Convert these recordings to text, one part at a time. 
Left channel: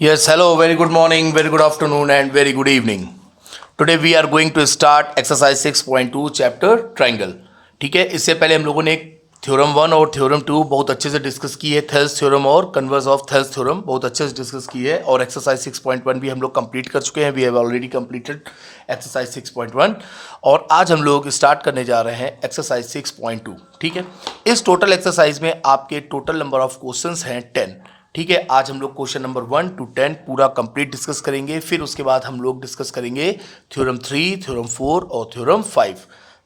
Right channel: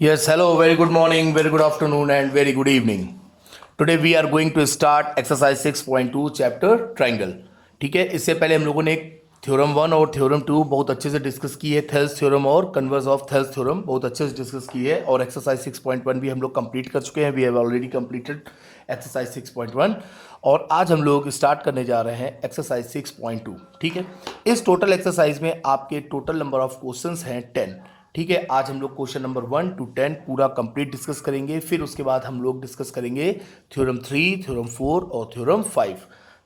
Yes, hello, very good morning, very good afternoon, and very good evening. Today we are going to start exercise 6.2 chapter triangle. ठीक है, इससे पहले हम लोगों ने थ्योरम 1 और थ्योरम 2 बहुत अच्छे से डिस्कस की है. थेल्स थ्योरम और कन्वर्स ऑफ थेल्स थ्योरम बहुत अच्छे से डिस्कस की है. और एक्सरसाइज 6.1 भी हम लोग कंप्लीट कर चुके हैं. We have already completed exercise 6.1 और आज हम लोग स्टार्ट करने जा रहे हैं एक्सरसाइज 6.2. ठीक है, इस टोटल एक्सरसाइज में आपके टोटल नंबर ऑफ क्वेश्चंस हैं 10. ठीक है, आज हम लोग क्वेश्चन नंबर 1 to 10 पूरा कंप्लीट डिस्कस करेंगे. फिर उसके बाद हम लोग डिस्कस करेंगे थ्योरम 3, थ्योरम 4 और थ्योरम 5.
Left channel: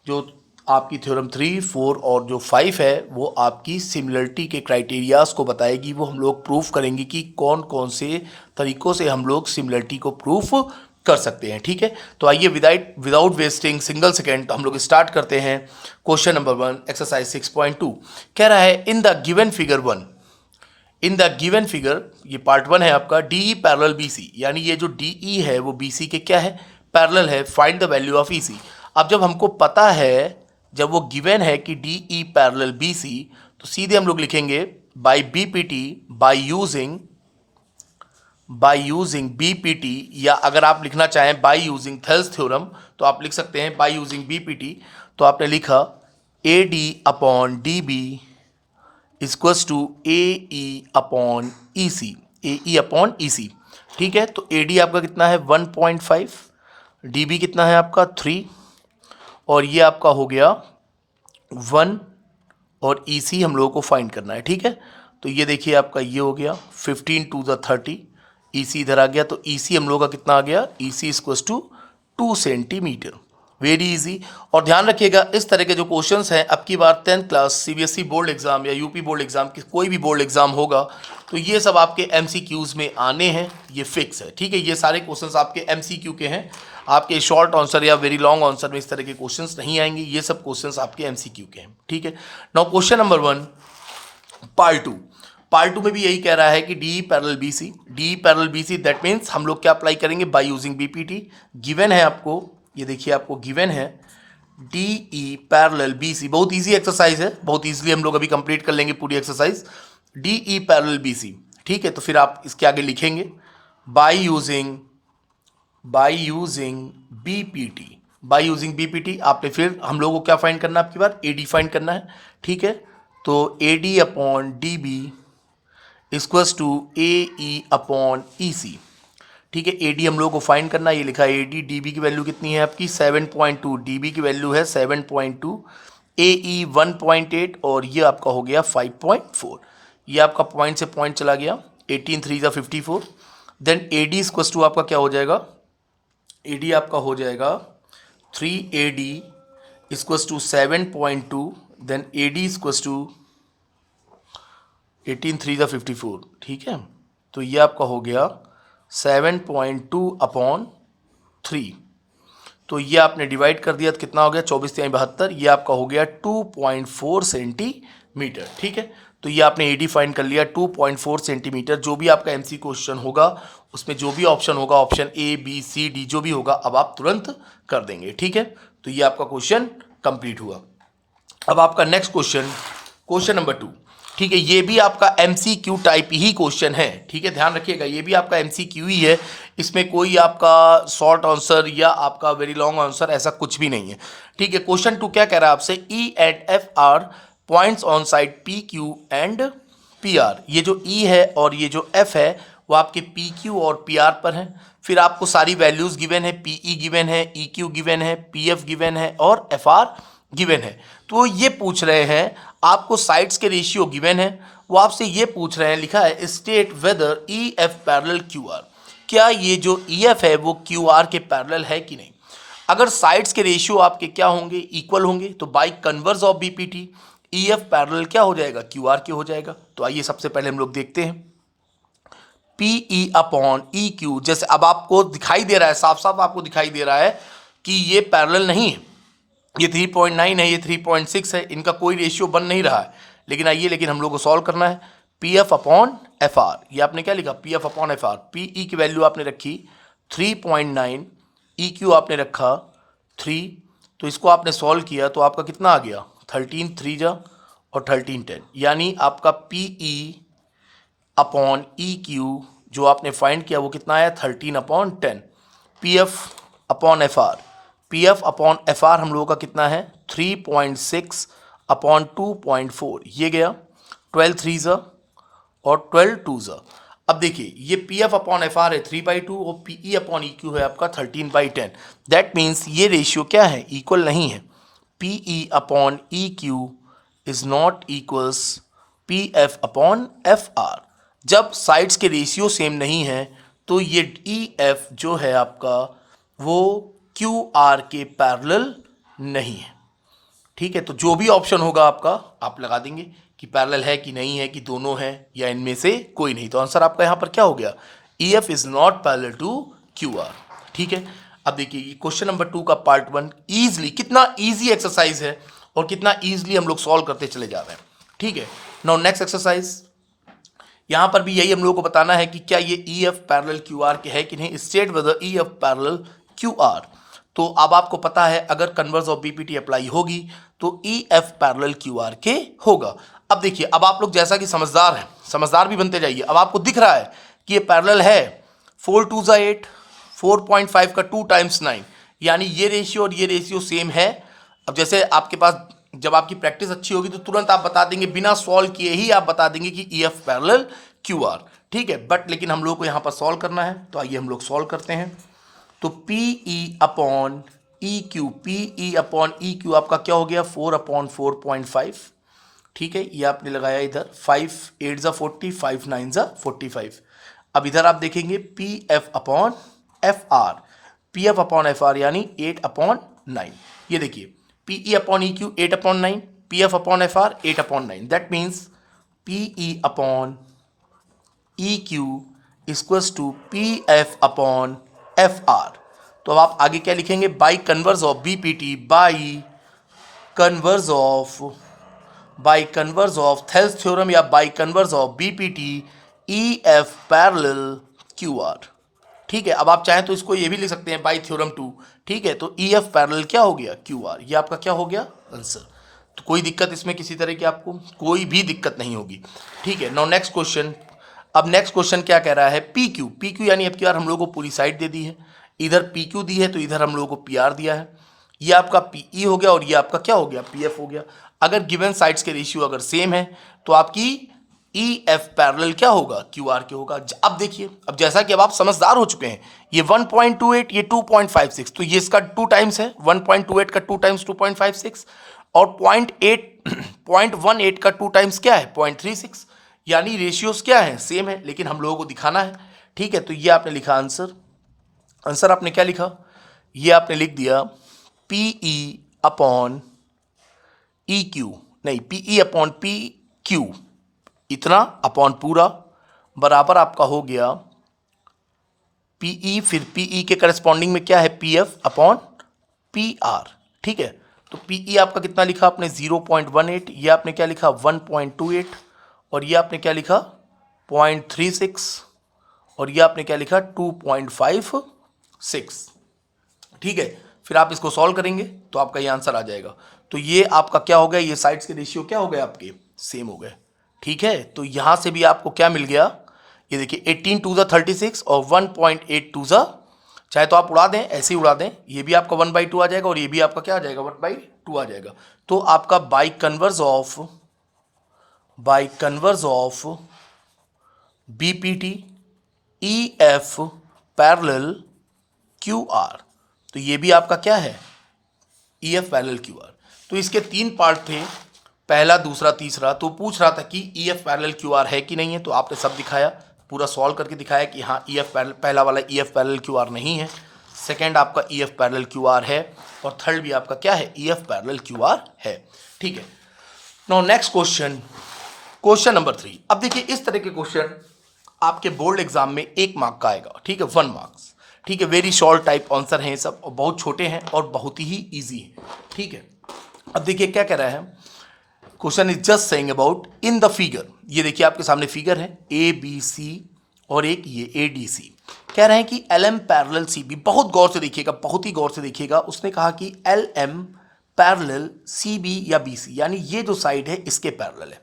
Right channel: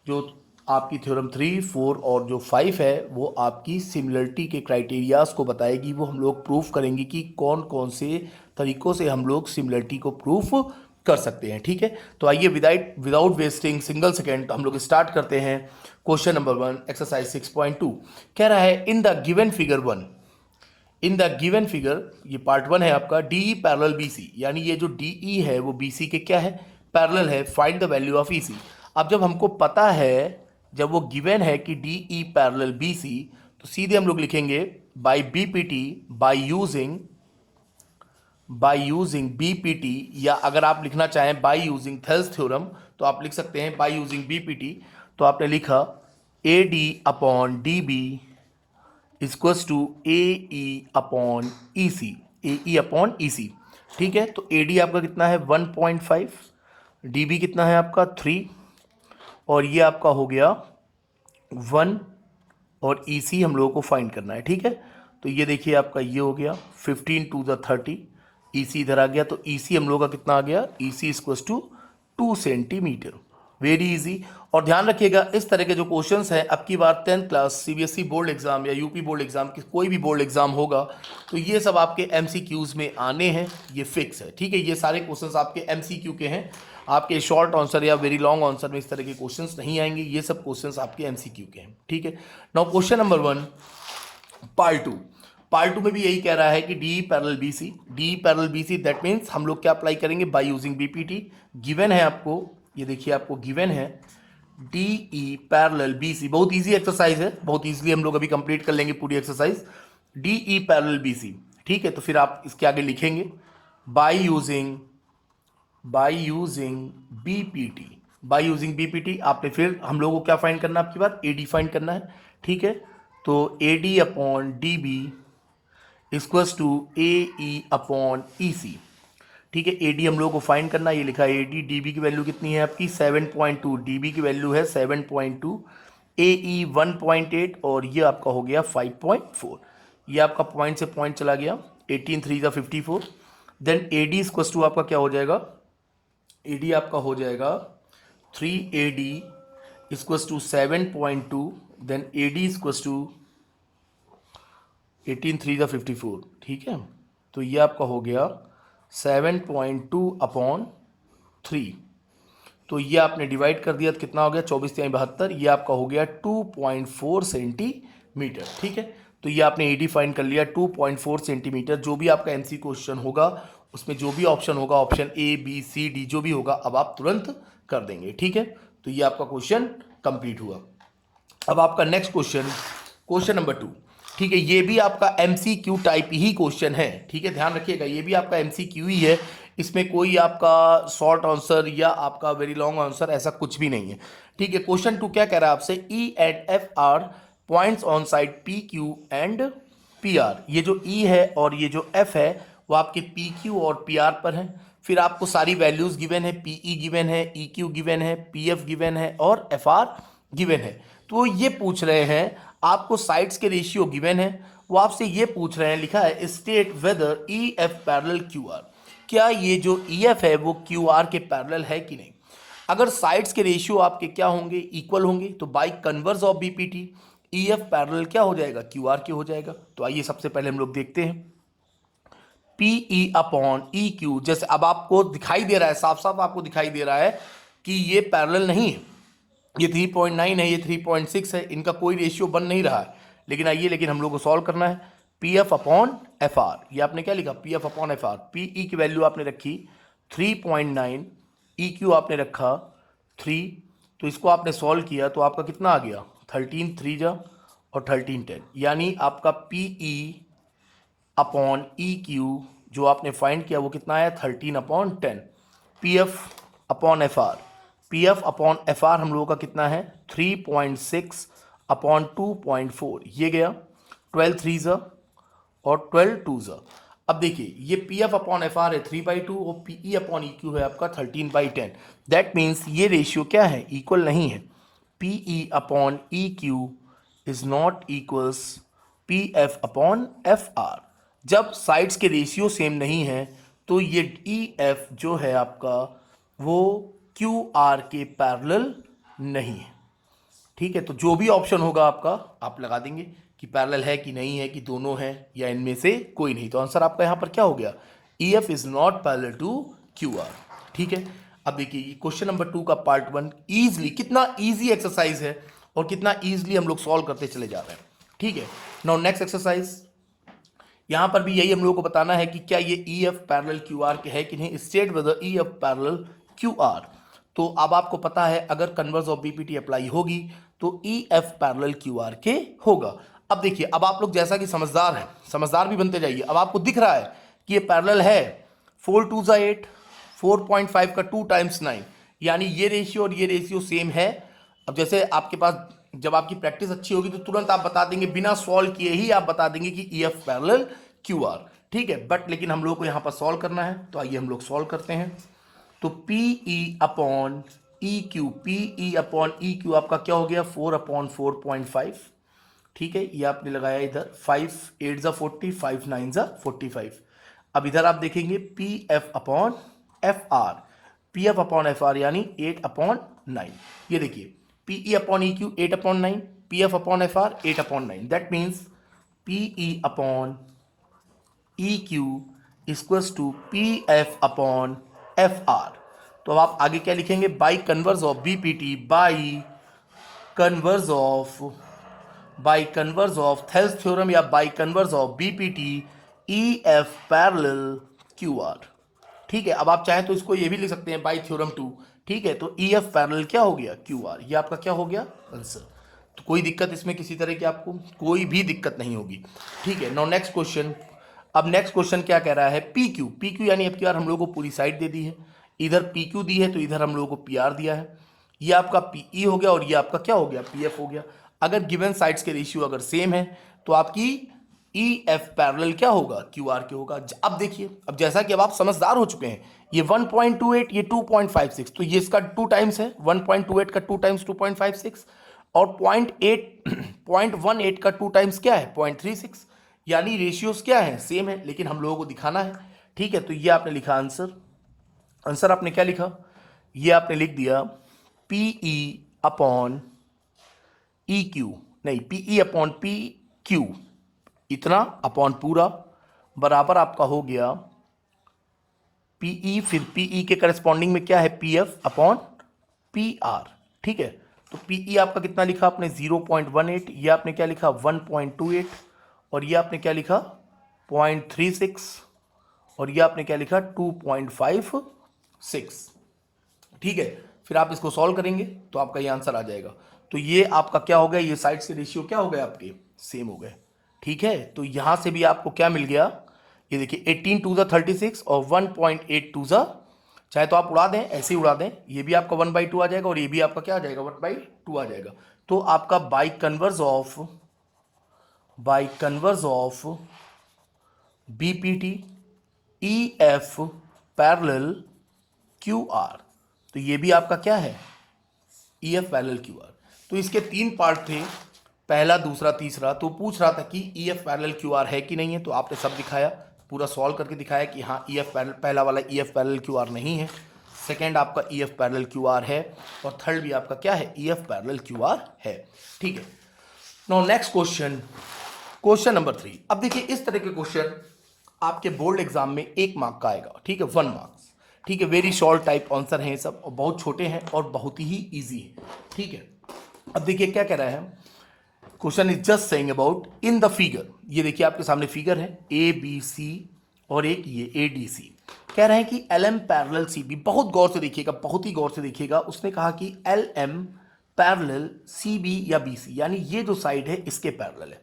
जो आपकी थ्योरम 3, 4 और जो 5 है वो आपकी सिमिलरिटी के क्राइटेरियाज को बताएगी. वो हम लोग प्रूफ करेंगे कि कौन कौन से तरीक़ों से हम लोग सिमिलरिटी को प्रूफ कर सकते हैं. ठीक है, तो आइए विदाउट वेस्टिंग सिंगल सेकेंड हम लोग स्टार्ट करते हैं. क्वेश्चन नंबर 1 एक्सरसाइज 6.2 कह रहा है in the given figure 1, in the given figure, ये पार्ट 1 है आपका. D E parallel B C, यानी ये जो डी ई है वो बी सी के क्या है, पैरेलल है. Find the value of E C. अब जब हमको पता है, जब वो गिवन है कि D E parallel B C, तो सीधे हम लोग लिखेंगे by B P T, by using B P T, या अगर आप लिखना चाहें बाई यूजिंग थेल्स थ्योरम तो आप लिख सकते हैं by using B P T. तो आपने लिखा A D upon D B equals to A E upon E C, A E upon E C. ठीक है, तो ए डी आपका कितना है 1.5, डी बी कितना है आपका 3, और ये आपका हो गया 1, और ई सी हम लोगों को फाइंड करना है. ठीक है, तो ये देखिए आपका ये हो गया 15 to the 30, ई सी इधर आ गया. तो ई सी हम लोग का कितना आ गया, E C equals to 2 centimetre. Very easy. और ध्यान रखिएगा इस तरह के जो क्वेश्चंस हैं, अब की बार 10th class CBSE board exam या यूपी बोर्ड एग्जाम की कोई भी बोर्ड एग्जाम होगा तो ये सब आपके एमसीक्यूज में आने हैं, ये फिक्स है. ठीक है, ये सारे क्वेश्चंस आपके एमसीक्यू के हैं. आपके शॉर्ट आंसर या वेरी लॉन्ग आंसर में इस तरह के क्वेश्चंस नहीं आएंगे. ये सब क्वेश्चंस आपके एमसीक्यू के हैं. ठीक है, नाउ क्वेश्चन नंबर 1 पार्ट 2 में भी यही कह रहा है कि D parallel B C, D parallel B C, that means हम लोग क्या अप्लाई करेंगे बाय यूजिंग बीपीटी. गिवन है आपको, ये देखिए आपको गिवन है D E parallel B C. बहुत इजी एक्सरसाइज है, बहुत इजीली हम लोग अभी कंप्लीट कर लेंगे पूरी exercise. D E parallel B C. ठीक है, तो फिर आप इसके आगे लिखेंगे by using BPT, by using BPT. आपने फिर हम लोगों को क्या फाइंड करना है, आपकी बात ए डी फाइंड करना है. ठीक है, तो A D upon D B equals to A E upon E C. ठीक है, ए डी हम लोग को फाइंड करना है. ये लिखा है ए डी, डी बी की वैल्यू कितनी है आपकी 7.2, डी बी की वैल्यू है 7.2, ए ई 1.8, और ये आपका हो गया 5.4. ये आपका पॉइंट से पॉइंट चला गया. 18 3 ज़ा 54. Then A D equals to आपका क्या हो जाएगा, ए डी आपका हो जाएगा 3 A D equals to 7.2. Then A D equals to 18 3 ज़ा 54. ठीक है, तो ये आपका हो गया 7.2 अपॉन 3. तो ये आपने डिवाइड कर दिया तो कितना हो गया 24 3 72. ये आपका हो गया 2.4 सेंटीमीटर. ठीक है, तो ये आपने एडी फाइंड कर लिया 2.4 सेंटीमीटर. जो भी आपका एमसी क्वेश्चन होगा उसमें जो भी ऑप्शन होगा, option A B C D जो भी होगा, अब आप तुरंत कर देंगे. ठीक है, तो ये आपका क्वेश्चन कंप्लीट हुआ. अब आपका नेक्स्ट क्वेश्चन, क्वेश्चन नंबर 2. ठीक है, ये भी आपका एमसीक्यू टाइप ही क्वेश्चन है. ठीक है, ध्यान रखिएगा ये भी आपका एमसीक्यू ही है. इसमें कोई आपका शॉर्ट आंसर या आपका वेरी लॉन्ग आंसर ऐसा कुछ भी नहीं है. ठीक है, क्वेश्चन 2 क्या कह रहा है आपसे, E and F R points on side P Q and P R. ये जो ई है और ये जो एफ है वो आपके पी क्यू और पी आर पर हैं. फिर आपको सारी वैल्यूज गिवन है, पी ई गिवन है, ई क्यू गिवन है, पी एफ गिवन है और एफ आर गिवन है. तो ये पूछ रहे हैं आपको साइड्स के रेशियो गिवन है. वो आपसे ये पूछ रहे हैं, लिखा है state whether E F parallel Q are. क्या ये जो ई एफ है वो क्यू आर के पैरेलल है कि नहीं. अगर साइड्स के रेशियो आपके क्या होंगे, इक्वल होंगे, तो by converse of BPT E F parallel क्या हो जाएगा, क्यू आर के हो जाएगा. तो आइए सबसे पहले हम लोग देखते हैं P E upon E Q. जैसे अब आपको दिखाई दे रहा है, साफ साफ आपको दिखाई दे रहा है कि ये पैरेलल नहीं है. ये 3.9 है, ये 3.6 है, इनका कोई रेशियो बन नहीं रहा है. लेकिन हम लोग को सॉल्व करना है. P F upon F R, ये आपने क्या लिखा, P F upon F R. P E की वैल्यू आपने रखी 3.9, ई क्यू आपने रखा 3. तो इसको आपने सॉल्व किया तो आपका कितना आ गया 13 3 जा और 13 10, यानी आपका P E upon E Q जो आपने फाइंड किया वो कितना आया 13/10। P F upon F R, P F upon F are हम लोगों का कितना है 3.6/2.4, ये गया 12 3 और 12 2। अब देखिए ये P F upon F are है 3/2 और P E upon E Q है आपका 13/10। दैट मीन्स ये रेशियो क्या है, इक्वल नहीं है। P E upon E Q is not equals P F upon F are. जब साइड्स के रेशियो सेम नहीं है तो ये ई एफ जो है आपका वो क्यू आर के पैरेलल नहीं है। ठीक है, तो जो भी ऑप्शन होगा आपका आप लगा देंगे कि पैरेलल है कि नहीं है, कि दोनों है या इनमें से कोई नहीं। तो आंसर आपका यहाँ पर क्या हो गया, E F is not parallel to Q R. ठीक है, अब देखिए क्वेश्चन नंबर 2 का पार्ट 1 ईजिली, कितना ईजी एक्सरसाइज है और कितना ईजिली हम लोग सॉल्व करते चले जा रहे हैं। ठीक है, नाउ नेक्स्ट एक्सरसाइज, यहाँ पर भी यही हम लोगों को बताना है कि क्या ये ई एफ पैरेलल क्यू आर के है कि नहीं। State whether E F parallel Q are. तो अब आपको पता है अगर कन्वर्स ऑफ बीपीटी अप्लाई होगी तो ई एफ पैरेलल क्यू आर के होगा। अब देखिए, अब आप लोग जैसा कि समझदार हैं, समझदार भी बनते जाइए। अब आपको दिख रहा है कि ये पैरेलल है, 4 2 8, 4.5 का 2 टाइम्स 9, यानी ये रेशियो और ये रेशियो सेम है। अब जैसे आपके पास जब आपकी प्रैक्टिस अच्छी होगी तो तुरंत आप बता देंगे, बिना सॉल्व किए ही आप बता देंगे कि ई एफ पैरेलल क्यू आर। ठीक है, बट लेकिन हम लोग को यहाँ पर सॉल्व करना है, तो आइए हम लोग सॉल्व करते हैं। तो P E upon E Q, P E upon E Q आपका क्या हो गया 4/4.5। ठीक है, ये आपने लगाया इधर 5 8 40, 5 9 45। अब इधर आप देखेंगे P F upon F R, P F upon F R यानी 8/9। ये देखिए P E upon E Q 8/9, P F upon F R 8/9। That means P E upon E Q equals to P F upon F R. तो अब आप आगे क्या लिखेंगे, by converse of BPT, by converse of Thales theorem या by converse of BPT E F parallel Q R. ठीक है, अब आप चाहें तो इसको ये भी लिख सकते हैं बाई थ्योरम 2। ठीक है, तो ई एफ पैरेलल क्या हो गया क्यू आर, ये आपका क्या हो गया आंसर। तो कोई दिक्कत इसमें किसी तरह की आपको कोई भी दिक्कत नहीं होगी। ठीक है, नाउ नेक्स्ट क्वेश्चन। अब नेक्स्ट क्वेश्चन क्या कह रहा है, पी क्यू, पी क्यू यानी अब क्यू आर हम लोगों को पूरी साइड दे दी है, इधर पी क्यू दी है तो इधर हम लोगों को पी आर दिया है। ये आपका पी ई हो गया और ये आपका क्या हो गया पी एफ हो गया। अगर गिवन साइड्स के रेशियो अगर सेम है तो आपकी ई एफ पैरेलल क्या होगा क्यू आर के होगा। अब देखिए, अब जैसा कि अब आप समझदार हो चुके हैं, ये 1.28 ये 2.56, तो ये इसका 2 टाइम्स है, 1.28 का 2 टाइम्स 2.56 और 0.18 का 2 टाइम्स क्या है 0.36, यानी रेशियोज क्या है सेम है, लेकिन हम लोगों को दिखाना है। ठीक है, तो ये आपने लिखा आंसर आपने क्या लिखा, ये आपने लिख दिया P E upon E Q, नहीं P E upon P Q इतना अपॉन पूरा बराबर आपका हो गया पी ई, फिर पी ई के करस्पॉन्डिंग में क्या है P F upon P R. ठीक है, तो पी ई आपका कितना लिखा आपने 0.18, ये आपने क्या लिखा 1.28 और ये आपने क्या लिखा 0.36 और ये आपने क्या लिखा 2.56। ठीक है, फिर आप इसको सॉल्व करेंगे तो आपका ये आंसर आ जाएगा। तो ये आपका क्या हो गया, ये साइड्स के रेशियो क्या हो गए आपके सेम हो गए। ठीक है, तो यहां से भी आपको क्या मिल गया, ये देखिए 18 2 36 और 1.82 चाहे तो आप उड़ा दें, ऐसे ही उड़ा दें, ये भी आपका 1/2 आ जाएगा और ये भी आपका क्या आ जाएगा 1/2 आ जाएगा। तो आपका by converse of BPT E F parallel Q are, तो ये भी आपका क्या है ई एफ पैरेलल क्यू आर। तो इसके 3 पार्ट थे, पहला दूसरा तीसरा। तो पूछ रहा था कि ई एफ पैरेलल क्यू आर है कि नहीं है, तो आपने सब दिखाया, पूरा सॉल्व करके दिखाया कि हाँ ई एफ पैरेलल, पहला वाला ई एफ पैरेलल क्यू आर नहीं है, सेकेंड आपका ई एफ पैरेलल क्यू आर है और थर्ड भी आपका क्या है ई एफ पैरेलल क्यू आर है। ठीक है, नाउ नेक्स्ट क्वेश्चन नंबर 3। अब देखिए इस तरह के क्वेश्चन आपके बोर्ड एग्जाम में 1 मार्क का आएगा। ठीक है, 1 मार्क्स। ठीक है, वेरी शॉर्ट टाइप आंसर हैं सब और बहुत छोटे हैं और बहुत ही ईजी है। ठीक है, अब देखिए क्या कह रहा है, question is just saying about in the figure. ये देखिए आपके सामने फिगर है ए बी सी और एक ये ए डी सी। कह रहे हैं कि L M parallel C B. बहुत गौर से देखिएगा, बहुत ही गौर से देखिएगा। उसने कहा कि L M parallel C B या बी सी, यानी ये जो साइड है इसके पैरेलल है।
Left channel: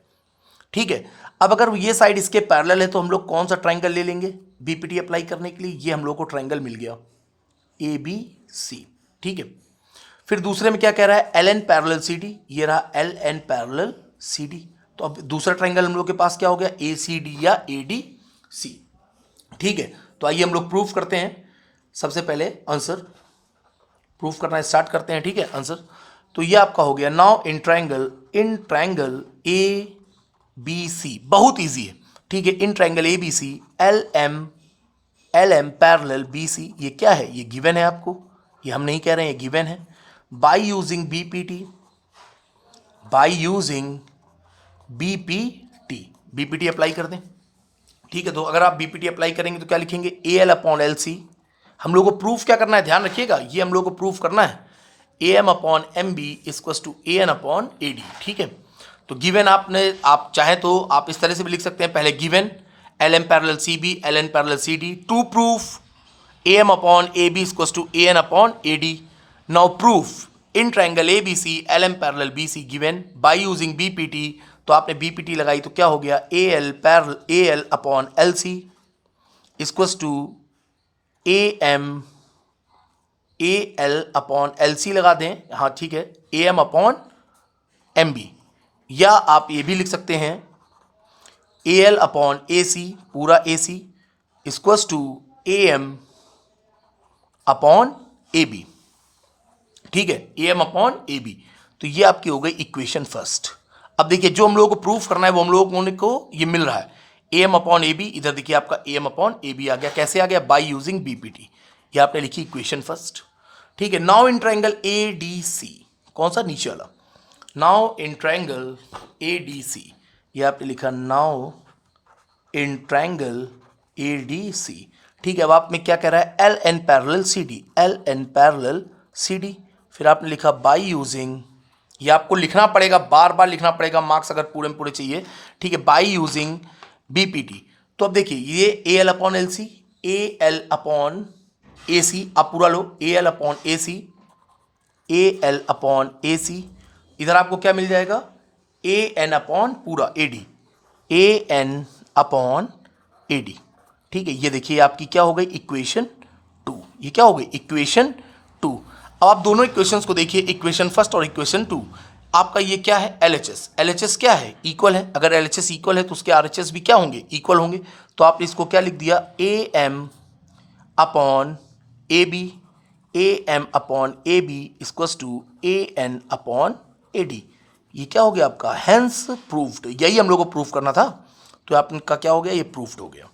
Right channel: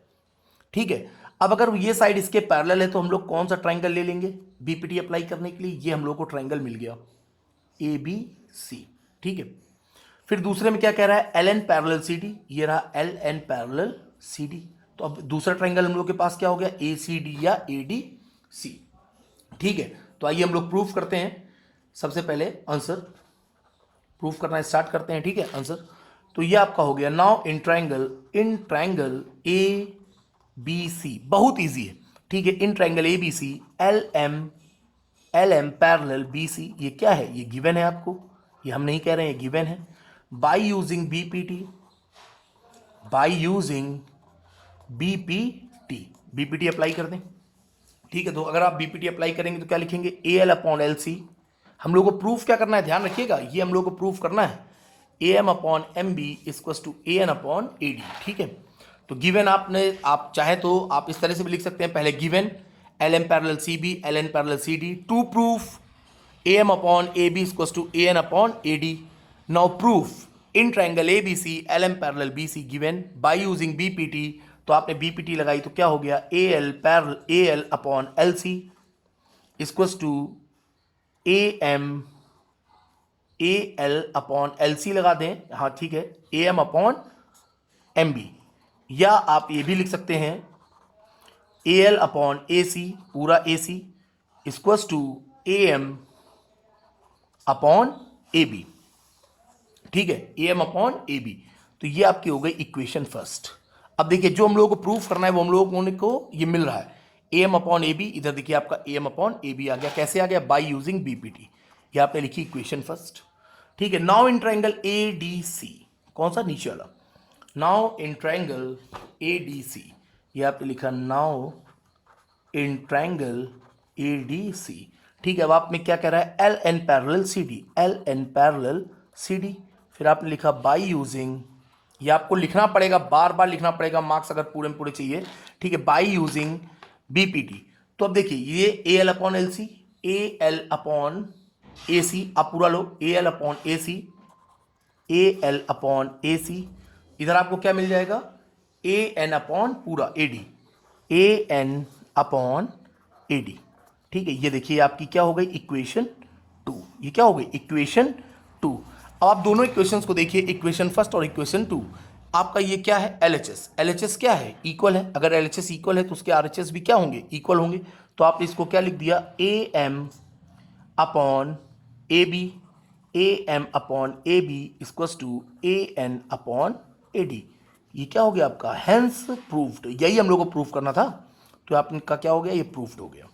ठीक है, अब अगर ये साइड इसके पैरेलल है तो हम लोग कौन सा ट्राइंगल ले लेंगे बीपीटी अप्लाई करने के लिए? ये हम लोग को ट्राइंगल मिल गया ए बी सी, ठीक है। फिर दूसरे में क्या कह रहा है? L N parallel C D, ये रहा L N parallel C D. तो अब दूसरा ट्राइंगल हम लोग के पास क्या हो गया? ए सी डी या ए डी सी, ठीक है। तो आइए हम लोग प्रूफ करते हैं। सबसे पहले आंसर प्रूफ करना स्टार्ट करते हैं, ठीक है। आंसर तो ये आपका हो गया now in triangle A B C, बहुत इजी है, ठीक है। In triangle A B C L M parallel B C, ये क्या है? ये गिवन है आपको, ये हम नहीं कह रहे हैं, ये गिवन है। बाय यूजिंग बीपीटी अप्लाई कर दें, ठीक है। तो अगर आप बीपीटी अप्लाई करेंगे तो क्या लिखेंगे? A L upon L C. हम लोग को प्रूफ क्या करना है, ध्यान रखिएगा, ये हम लोग को प्रूफ करना है A M upon M B equals to A N upon A D, ठीक है। तो गिवन आप चाहे तो आप इस तरह से भी लिख सकते हैं, पहले given L M parallel C B L N parallel C D, to proof A M upon A B equals to A N upon A D. Now proof in triangle A B C L M parallel B C given by using BPT. तो आपने BPT लगाई तो क्या हो गया? A L upon L C equals to A L upon L C लगा दें, हाँ ठीक है, A M upon M B. या आप ये भी लिख सकते हैं ए एल अपॉन ए सी, पूरा A C equals to A M upon A B, ठीक है, A M upon A B. तो ये आपकी हो गई इक्वेशन फर्स्ट। अब देखिए जो हम लोगों को प्रूफ करना है वो हम लोगों को ये मिल रहा है A M upon A B. इधर देखिए आपका A M upon A B आ गया, कैसे आ गया? By using BPT. ये आपने लिखी इक्वेशन फर्स्ट, ठीक है। Now in triangle A D C, कौन सा? नीचे वाला। Now in triangle A D C, ये आपने लिखा now in triangle A D C, ठीक है। अब आप में क्या कह रहा है? L N parallel C D, L N parallel C D. फिर आपने लिखा बाय यूजिंग, ये आपको लिखना पड़ेगा, बार बार लिखना पड़ेगा, मार्क्स अगर पूरे में पूरे चाहिए, ठीक है। By using BPT. तो अब देखिए ये A L upon L C, A L upon A C, आप पूरा लो, A L upon A C, A L upon A C. इधर आपको क्या मिल जाएगा? ए एन अपॉन पूरा A D, A N upon A D, ठीक है। ये देखिए आपकी क्या हो गई? इक्वेशन 2। ये क्या हो गई? इक्वेशन 2। अब आप दोनों इक्वेशंस को देखिए, इक्वेशन फर्स्ट और इक्वेशन 2। आपका ये क्या है? एलएचएस। एलएचएस क्या है? इक्वल है। अगर एलएचएस इक्वल है तो उसके आरएचएस भी क्या होंगे? इक्वल होंगे। तो आप इसको क्या लिख दिया? A M upon A B, A M upon A B equals to A N upon A D. ये क्या हो गया आपका? Hence proved. यही हम लोग को प्रूफ करना था, तो आपका क्या हो गया? ये प्रूफ्ड हो गया।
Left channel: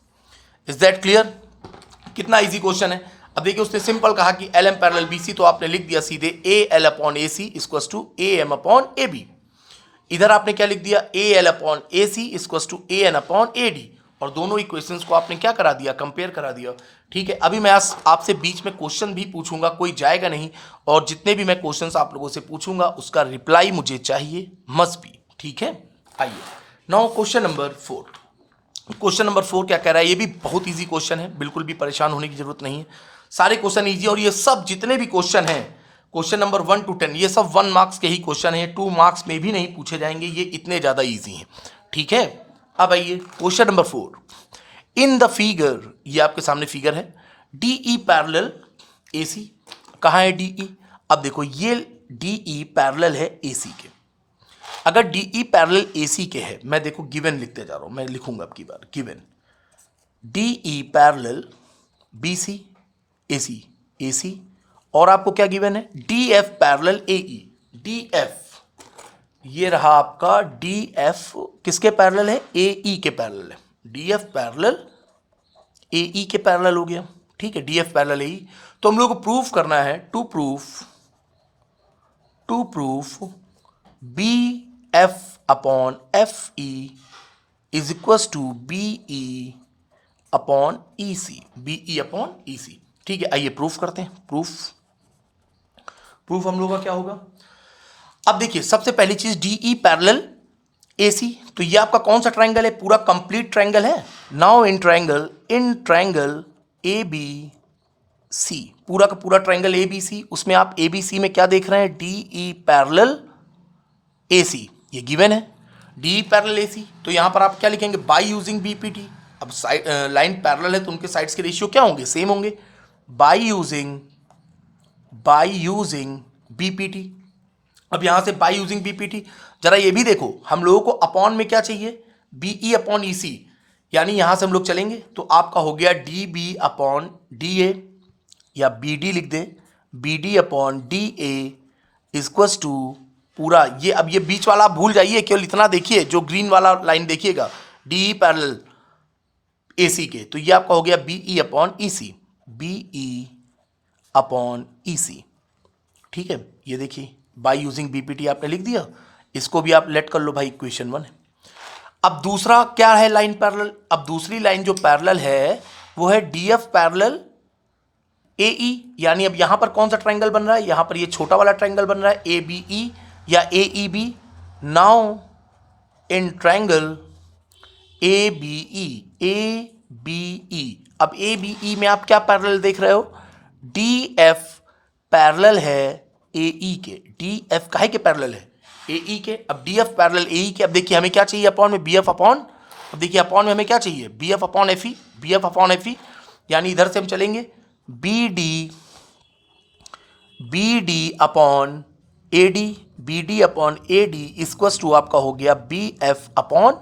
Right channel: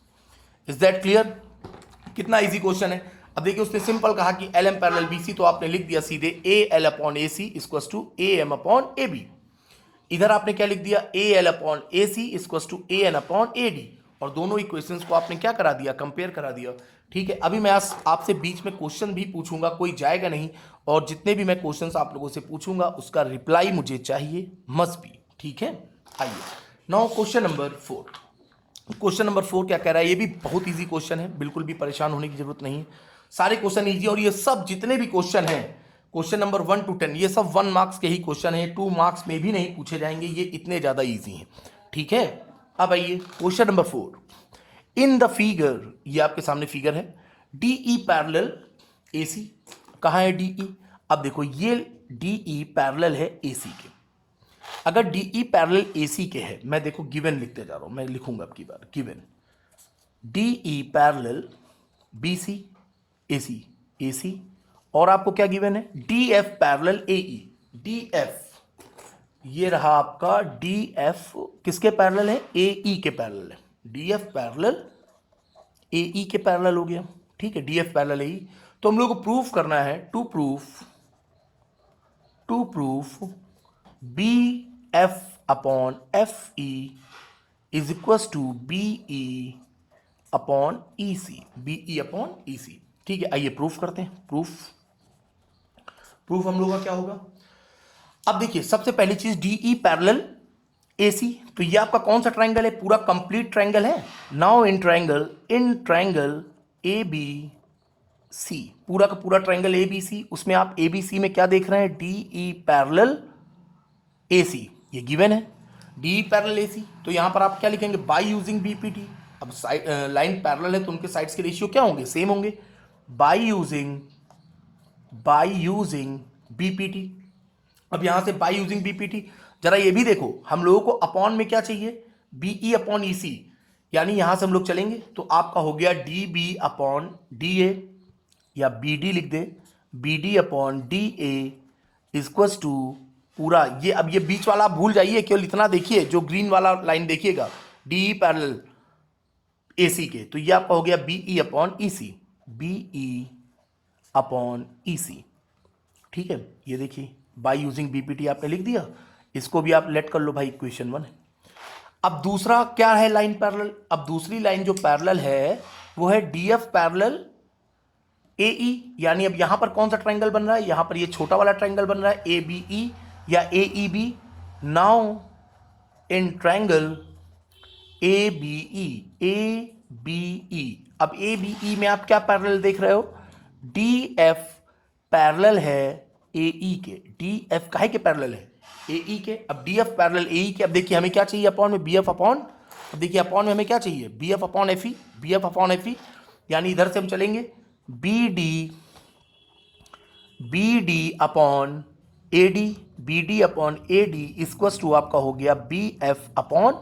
Is that clear? कितना इजी क्वेश्चन है। अब देखिए उसने सिंपल कहा कि L M parallel B C, तो आपने लिख दिया सीधे A L upon A C equals to A M upon A B. इधर आपने क्या लिख दिया? A L upon A C equals to A N upon A D. और दोनों इक्वेशंस को आपने क्या करा दिया? कंपेयर करा दिया, ठीक है। अभी मैं आपसे बीच में क्वेश्चन भी पूछूंगा, कोई जाएगा नहीं, और जितने भी मैं क्वेश्चंस आप लोगों से पूछूंगा उसका रिप्लाई मुझे चाहिए, मस्ट बी, ठीक है। आइए now question number 4। Question number 4 क्या कह रहा है? ये भी बहुत इजी क्वेश्चन है, बिल्कुल भी परेशान होने की जरूरत नहीं है। सारे क्वेश्चन इजी, और ये सब जितने भी क्वेश्चन हैं, क्वेश्चन नंबर 1 to 10, ये सब 1 मार्क्स के ही क्वेश्चन है, 2 मार्क्स में भी नहीं पूछे जाएंगे, ये इतने ज़्यादा इजी हैं, ठीक है। अब आइए question number 4। In the figure, ये आपके सामने फिगर है, डी ई पैरेलल ए सी। कहाँ है डी ई? अब देखो ये डी ई पैरेलल है ए सी के। अगर डी ई पैरेलल ए सी के है, मैं देखो गिवन लिखते जा रहा हूँ, मैं लिखूंगा अब की बार given D E parallel B C A C, और आपको क्या गिवन है? D F parallel A E. D F, ये रहा आपका डी एफ किसके पैरेलल है? ए ई के पैरेलल है। D F parallel A E के पैरेलल हो गया, ठीक है। D F parallel A E. तो हम लोग को प्रूफ करना है, to proof B F upon F E is equals to B E upon E C, B E upon E C, ठीक है। आइए प्रूफ करते हैं। प्रूफ हम लोगों का क्या होगा? अब देखिए सबसे पहली चीज डी ई पैरेलल ए सी, तो ये आपका कौन सा ट्राइंगल है? पूरा कंप्लीट ट्राइंगल है। Now in triangle A B C, पूरा का पूरा ट्राइंगल ए बी सी, उसमें आप ए बी सी में क्या देख रहे हैं? डी ई पैरेलल ए सी, ये गिवन है। डी पैरेलल एसी, तो यहाँ पर आप क्या लिखेंगे, बाय यूजिंग बीपीटी। अब साइड लाइन पैरेलल है तो उनके साइड्स के रेशियो क्या होंगे, सेम होंगे, बाय यूजिंग बीपीटी। अब यहाँ से बाय यूजिंग बीपीटी, जरा ये भी देखो, हम लोगों को अपॉन में क्या चाहिए, बीई अपॉन ईसी, यानी यहां से हम लोग चलेंगे तो आपका हो गया D B upon D A, या बी डी लिख दे, B D upon D A equals to पूरा ये, अब ये बीच वाला आप भूल जाइए, केवल इतना देखिए, जो ग्रीन वाला लाइन देखिएगा डी पैरेलल ए सी के, तो ये आपका हो गया B E upon E C, be upon E C. ठीक है, ये देखिए बाय यूजिंग बीपीटी आपने लिख दिया, इसको भी आप लेट कर लो भाई, इक्वेशन 1 है। अब दूसरा क्या है लाइन पैरेलल, अब दूसरी लाइन जो पैरेलल है वो है डीएफ पैरेलल एई, यानी अब यहां पर कौन सा ट्रायंगल बन रहा है, यहां पर ये छोटा वाला ट्रायंगल बन रहा है एबीई या एईबी। नाउ इन ट्रायंगल एबीई, अब एबीई में आप क्या पैरेलल देख रहे हो, डीएफ पैरेलल है एई के, डीएफ काहे के पैरेलल है, एई के। अब डीएफ पैरेलल एई के, अब देखिए हमें क्या चाहिए अपॉन में, बीएफ अपॉन, अब देखिए अपॉन में हमें क्या चाहिए, BF upon FE, BF upon FE, यानी इधर से हम चलेंगे BD upon AD, BD upon AD equals to आपका हो गया BF upon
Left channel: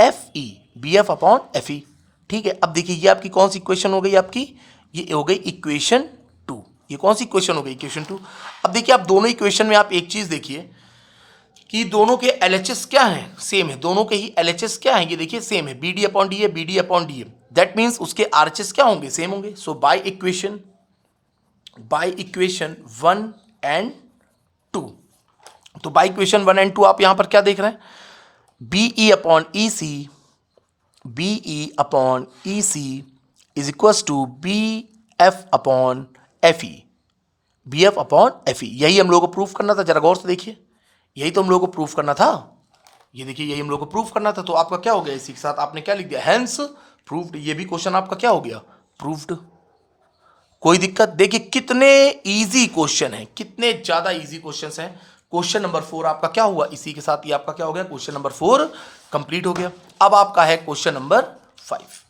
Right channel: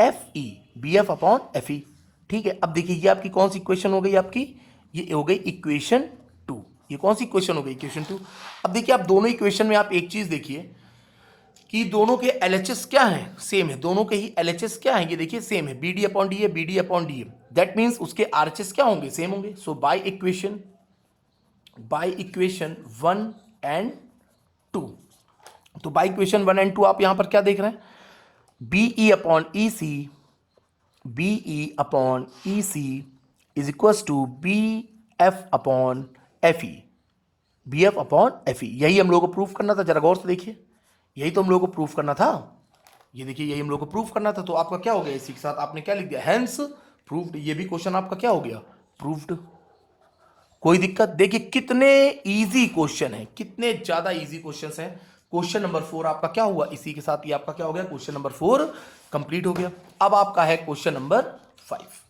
FE, BF upon FE. ठीक है, अब देखिए ये आपकी कौन सी इक्वेशन हो गई, आपकी ये हो गई इक्वेशन 2। ये कौन सी इक्वेशन हो गई, इक्वेशन 2। अब देखिए आप दोनों इक्वेशन में आप एक चीज देखिए कि दोनों के एलएचएस क्या हैं, सेम है, दोनों के ही एलएचएस क्या हैं, ये देखिए सेम है, BD upon D A, BD upon D A, that means उसके आरएचएस क्या होंगे, सेम होंगे। सो बाय इक्वेशन 1 एंड 2, तो बाय इक्वेशन 1 एंड 2 आप यहां पर क्या देख रहे हैं, BE upon E C, be upon E C is equals to B F upon F E, B F upon F E. यही हम लोगों को प्रूफ करना था, जरा गौर से देखिए, यही तो हम लोगों को प्रूफ करना था, ये देखिए यही हम लोगों को प्रूफ करना था। तो आपका क्या हो गया, इसी के साथ आपने क्या लिख दिया, हेंस प्रूव्ड। ये भी क्वेश्चन आपका क्या हो गया, प्रूव्ड। कोई दिक्कत, देखिए कितने इजी क्वेश्चन है, कितने ज्यादा इजी क्वेश्चन हैं। क्वेश्चन नंबर 4 आपका क्या हुआ, इसी के साथ ये आपका क्या हो गया, क्वेश्चन नंबर 4 कंप्लीट हो गया। अब आपका है क्वेश्चन नंबर 5।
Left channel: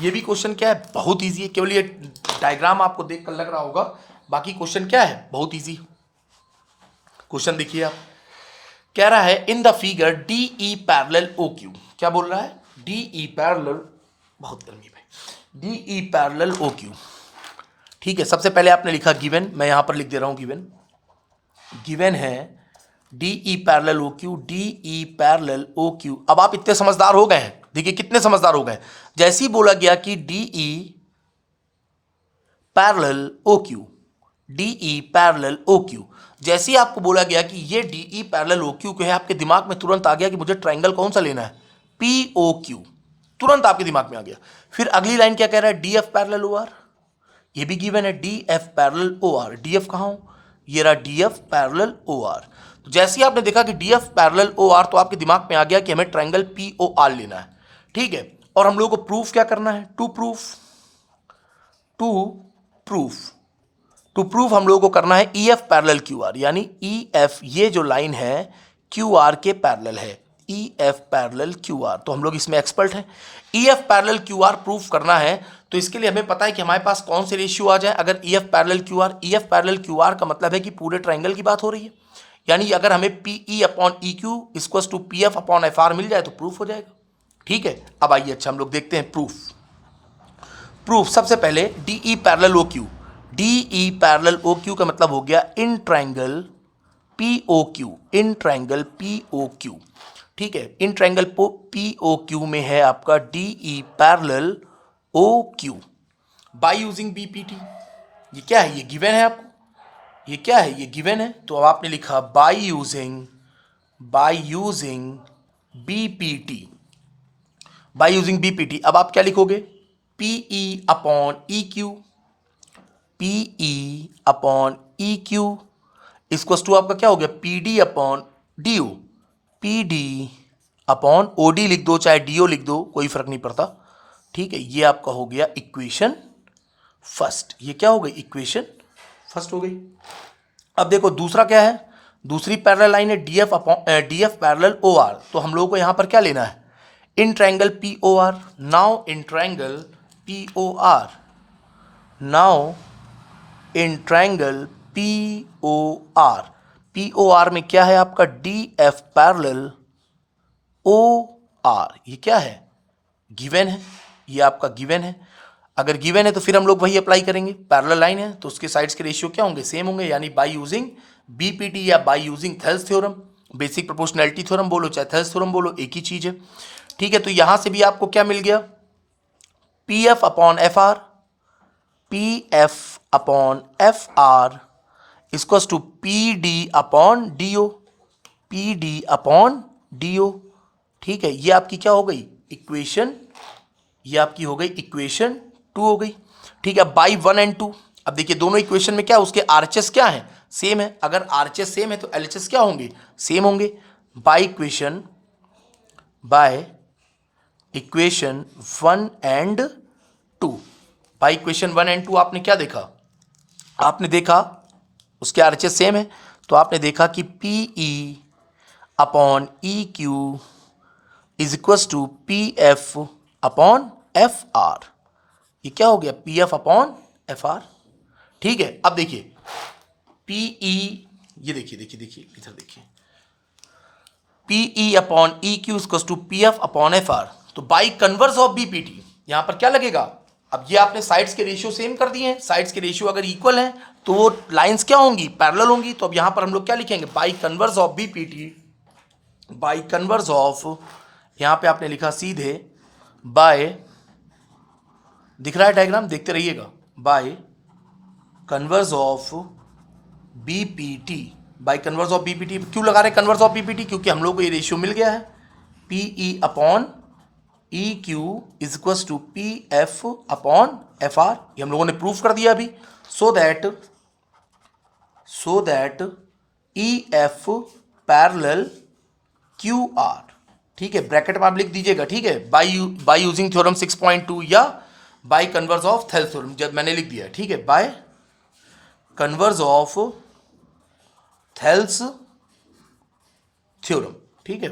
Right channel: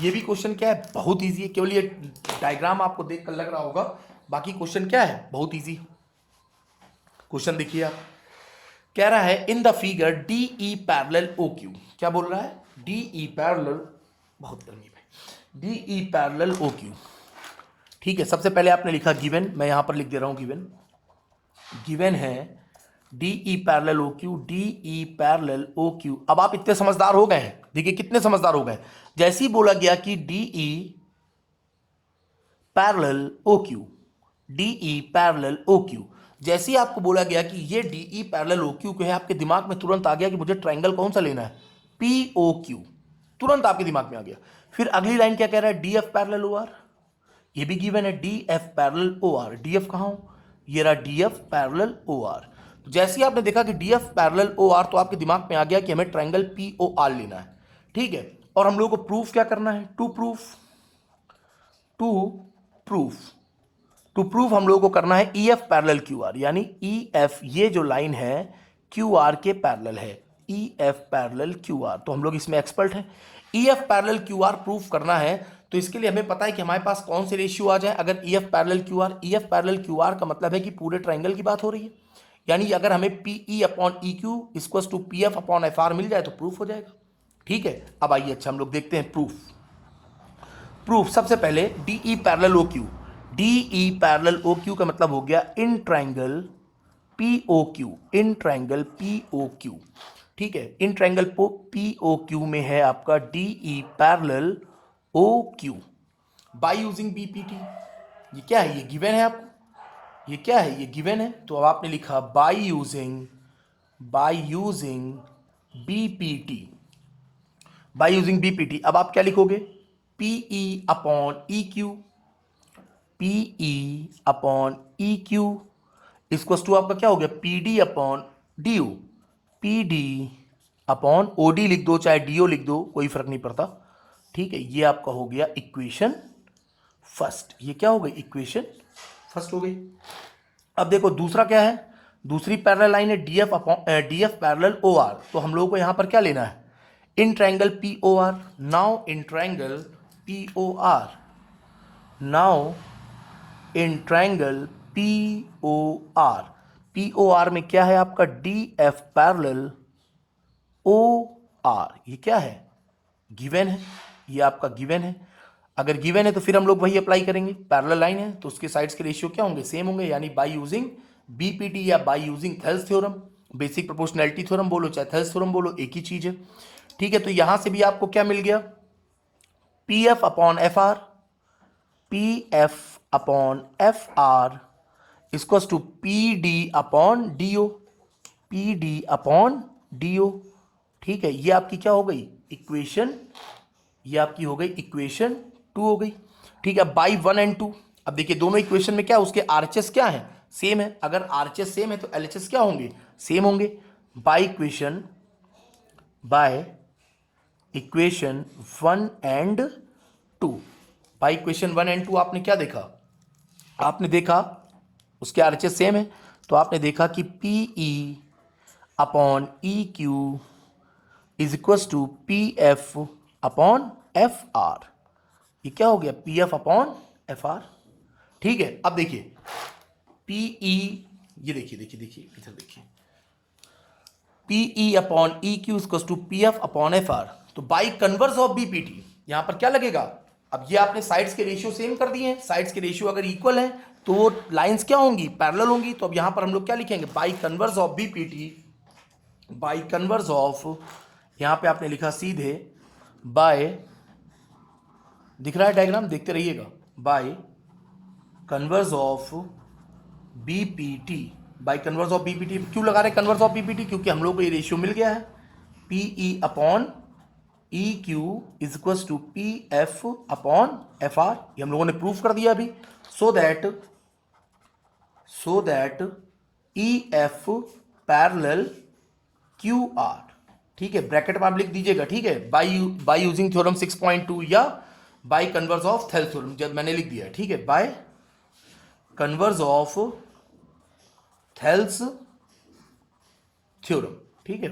ये भी क्वेश्चन क्या है, बहुत ईजी है, केवल ये डायग्राम आपको देख कर लग रहा होगा, बाकी क्वेश्चन क्या है, बहुत ईजी। क्वेश्चन देखिए आप, कह रहा है in the figure DE parallel O Q, क्या बोल रहा है, डीई पैरेलल, बहुत गर्मी में, डीई पैरेलल ओ क्यू। ठीक है, सबसे पहले आपने लिखा गिवन, मैं यहां पर लिख दे रहा हूं गिवन है DE parallel O Q, DE parallel O Q. अब आप इतने समझदार हो गए हैं, देखिए कितने समझदार हो गए, जैसे ही बोला गया कि DE parallel O Q, DE parallel O Q, जैसे ही आपको बोला गया कि ये डीई पैरेलल ओ क्यू है, आपके दिमाग में तुरंत आ गया कि मुझे ट्रायंगल कौन सा लेना है, पी ओ क्यू, तुरंत आपके दिमाग में आ गया। फिर अगली लाइन क्या कह रहा है, डीएफ पैरेलल ओ आर, ये भी गिवन है, DF parallel O R, DF कहाँ हूं, ये रहा डीएफ पैरेलल ओ आर। तो जैसे ही आपने देखा कि डीएफ पैरेलल ओ आर, तो आपके दिमाग में आ गया कि हमें ट्रायंगल पी ओ आर लेना है। ठीक है, और हम लोगों को प्रूफ क्या करना है, टू प्रूफ हम लोगों को करना है ईएफ पैरेलल क्यू आर, यानी ईएफ ये जो लाइन है क्यू आर के पैरेलल है, ईएफ पैरेलल क्यू आर, तो हम लोग इसमें एक्सपर्ट हैं। EF parallel Q are proof करना है, तो इसके लिए हमें पता है कि हमारे पास कौन से रेशियो आ जाए। अगर ईएफ पैरेलल क्यू आर का मतलब है कि पूरे ट्रायंगल की बात हो रही है, यानी अगर हमें P E upon E Q equals to P F upon F R मिल जाए तो प्रूफ हो जाएगा। ठीक है, अब आइए अच्छा हम लोग देखते हैं प्रूफ। सबसे पहले DE parallel O Q, DE parallel O Q का मतलब हो गया in triangle P O Q, in triangle P O Q. ठीक है, in triangle P O Q में है आपका DE parallel O Q by using BPT. ये क्या है, ये गिवन है आपको, ये क्या है, ये गिवन है, तो अब आपने लिखा by using BPT, by using BPT. अब आप क्या लिखोगे, PE upon E Q, PE upon E Q इसको टू आपका क्या हो गया, PD upon DO, PD upon OD लिख दो चाहे डीओ लिख दो, कोई फर्क नहीं पड़ता। ठीक है, ये आपका हो गया इक्वेशन फर्स्ट, ये क्या हो गई, इक्वेशन फर्स्ट हो गई। अब देखो दूसरा क्या है, दूसरी पैरेलल लाइन है डीएफ पैरेलल ओ आर, तो हम लोगों को यहां पर क्या लेना है, in triangle P O R. Now in triangle P O R, now in triangle P O R, P O R में क्या है आपका D F parallel O R, ये क्या है, गिवन है, ये आपका गिवन है। अगर गिवन है तो फिर हम लोग वही अप्लाई करेंगे, पैरेलल लाइन है तो उसके साइड्स के रेशियो क्या होंगे, सेम होंगे, यानी बाय यूजिंग बीपीटी या by using Thales theorem, basic proportionality theorem बोलो चाहे थेल्स थ्योरम बोलो, एक ही चीज है। ठीक है, तो यहां से भी आपको क्या मिल गया, P F upon F R, P F upon F R equals to P D upon D O, P D upon D O. ठीक है, ये आपकी क्या हो गई इक्वेशन, ये आपकी हो गई इक्वेशन 2 हो गई। ठीक है, बाई 1 एंड 2, अब देखिए दोनों इक्वेशन में क्या उसके आरएचएस क्या है, सेम है, अगर आरएचएस सेम है तो एलएचएस क्या होंगे, सेम होंगे। By equation 1 and 2, by equation 1 and 2 आपने क्या देखा, आपने देखा उसके आरएचएस सेम है, तो आपने देखा कि P E upon E Q is equals to P F upon F R, ये क्या हो गया P F upon F R. ठीक है, अब देखिए पी ई, ये देखिए इधर देखिए, P E upon E Q equals to P F upon F R, तो बाई कन्वर्स ऑफ बीपीटी यहां पर क्या लगेगा, अब ये आपने साइड्स के रेशियो सेम कर दिए हैं, साइड्स के रेशियो अगर इक्वल है तो वो लाइंस क्या होंगी, पैरेलल होंगी, तो अब यहां पर हम लोग क्या लिखेंगे, by converse of BPT, by converse of, यहां पे आपने लिखा सीधे बाय, दिख रहा है डायग्राम, देखते रहिएगा, bye converse of BPT, bye converse of BPT, क्यों लगा रहे कन्वर्स ऑफ बीपीटी, क्योंकि हम लोग को ये रेशियो मिल गया है, P E upon E Q is equals to P F upon F R, ये हम लोगों ने प्रूफ कर दिया अभी, so that E F parallel Q R. ठीक है, ब्रैकेट में आप लिख दीजिएगा, ठीक है, बाय यूजिंग थ्योरम 6.2 या by converse of Thales theorem, जब मैंने लिख दिया, ठीक है, bye converse of Thales theorem. ठीक है,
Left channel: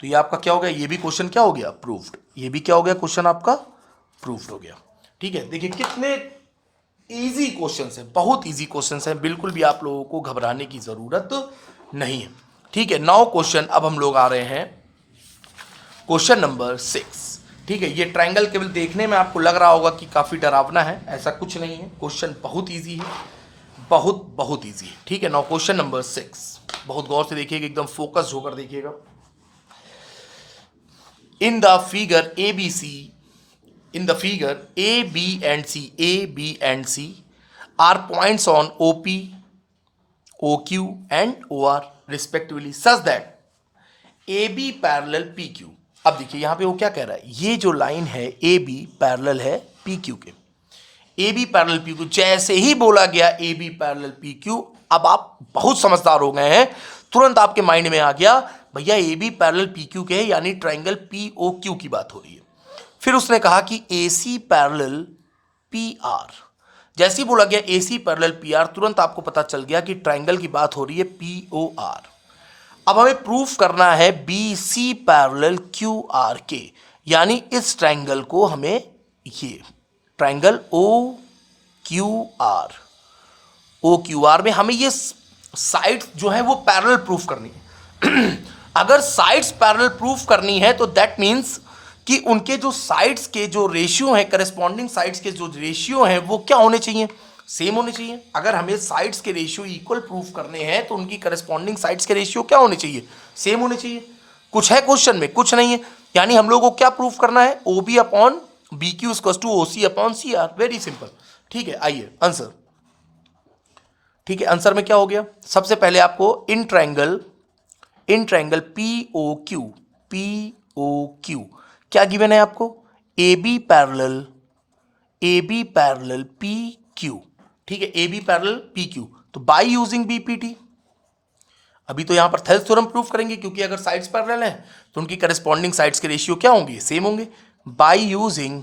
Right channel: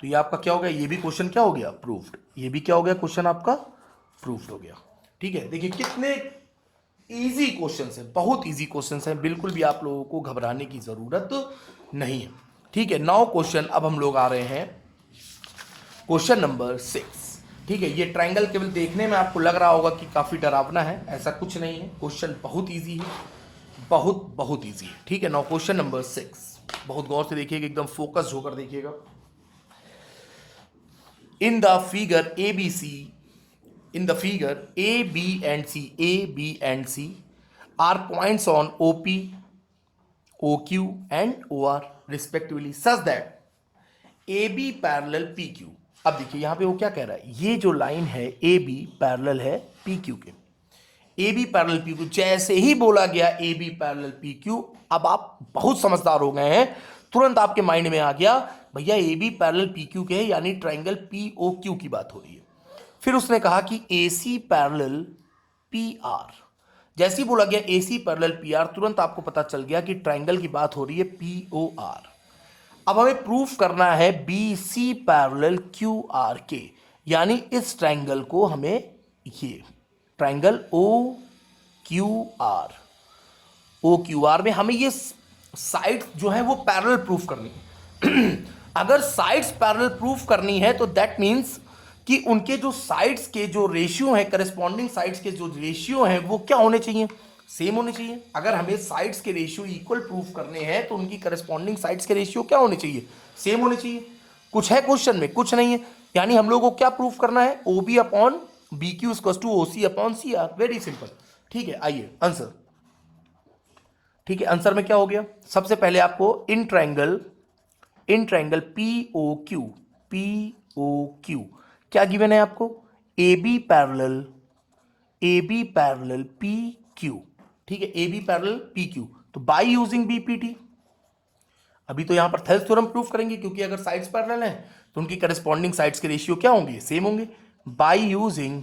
तो ये आपका क्या हो गया, ये भी क्वेश्चन क्या हो गया प्रूव्ड, ये भी क्या हो गया क्वेश्चन आपका प्रूव्ड हो गया। ठीक है, देखिए कितने इजी क्वेश्चंस हैं, बहुत इजी क्वेश्चंस हैं, बिल्कुल भी आप लोगों को घबराने की जरूरत नहीं है। ठीक है, 9 क्वेश्चन, अब हम लोग आ रहे हैं क्वेश्चन नंबर 6। ठीक है, ये ट्रायंगल केवल देखने में आपको लग रहा होगा कि काफी डरावना है, ऐसा कुछ नहीं है, क्वेश्चन बहुत इजी है, बहुत इजी है। ठीक है, नाउ क्वेश्चन नंबर 6, बहुत गौर से देखिएगा, एकदम फोकस होकर देखिएगा। In the figure A B C, in the figure A, B and C are points on OP, OQ and OR respectively such that AB parallel PQ। अब देखिए यहां पे वो क्या कह रहा है, ये जो लाइन है AB पैरेलल है PQ के, AB पैरेलल PQ, जैसे ही बोला गया AB पैरेलल PQ, अब आप बहुत समझदार हो गए हैं, तुरंत आपके माइंड में आ गया भैया AB पैरेलल PQ के, यानी ट्रायंगल POQ की बात हो रही है। फिर उसने कहा कि AC पैरेलल PR, जैसे ही बोला गया AC पैरेलल PR, तुरंत आपको पता चल गया कि ट्रायंगल की बात हो रही है POR। अब हमें प्रूफ करना है BC पैरेलल QR के, यानी इस ट्रायंगल को हमें, ये ट्रायंगल OQR में हमें ये साइड जो है वो पैरेलल प्रूफ करनी है। अगर साइड्स पैरेलल प्रूफ करनी है तो दैट मीन्स कि उनके जो साइड्स के जो रेशियो हैं, करस्पॉन्डिंग साइड्स के जो रेशियो हैं वो क्या होने चाहिए, सेम होने चाहिए। अगर हमें साइड्स के रेशियो इक्वल प्रूफ करने हैं तो उनकी करस्पॉन्डिंग साइड्स के रेशियो क्या होने चाहिए, सेम होने चाहिए। कुछ है क्वेश्चन में, कुछ नहीं है, यानी हम लोगों को क्या प्रूफ करना है, OB upon BQ equals to OC upon CR, very simple. ठीक है, आइए आंसर। ठीक है, आंसर में क्या हो गया, सबसे पहले आपको इन ट्रायंगल POQ क्या गिवन है आपको, AB पैरेलल PQ। ठीक है, AB पैरेलल PQ, तो बाय यूजिंग BPT, अभी तो यहां पर थेल्स थ्योरम प्रूफ करेंगे, क्योंकि अगर साइड्स पैरेलल हैं तो उनकी करस्पॉन्डिंग साइड्स के रेशियो क्या होंगे, सेम होंगे, बाय यूजिंग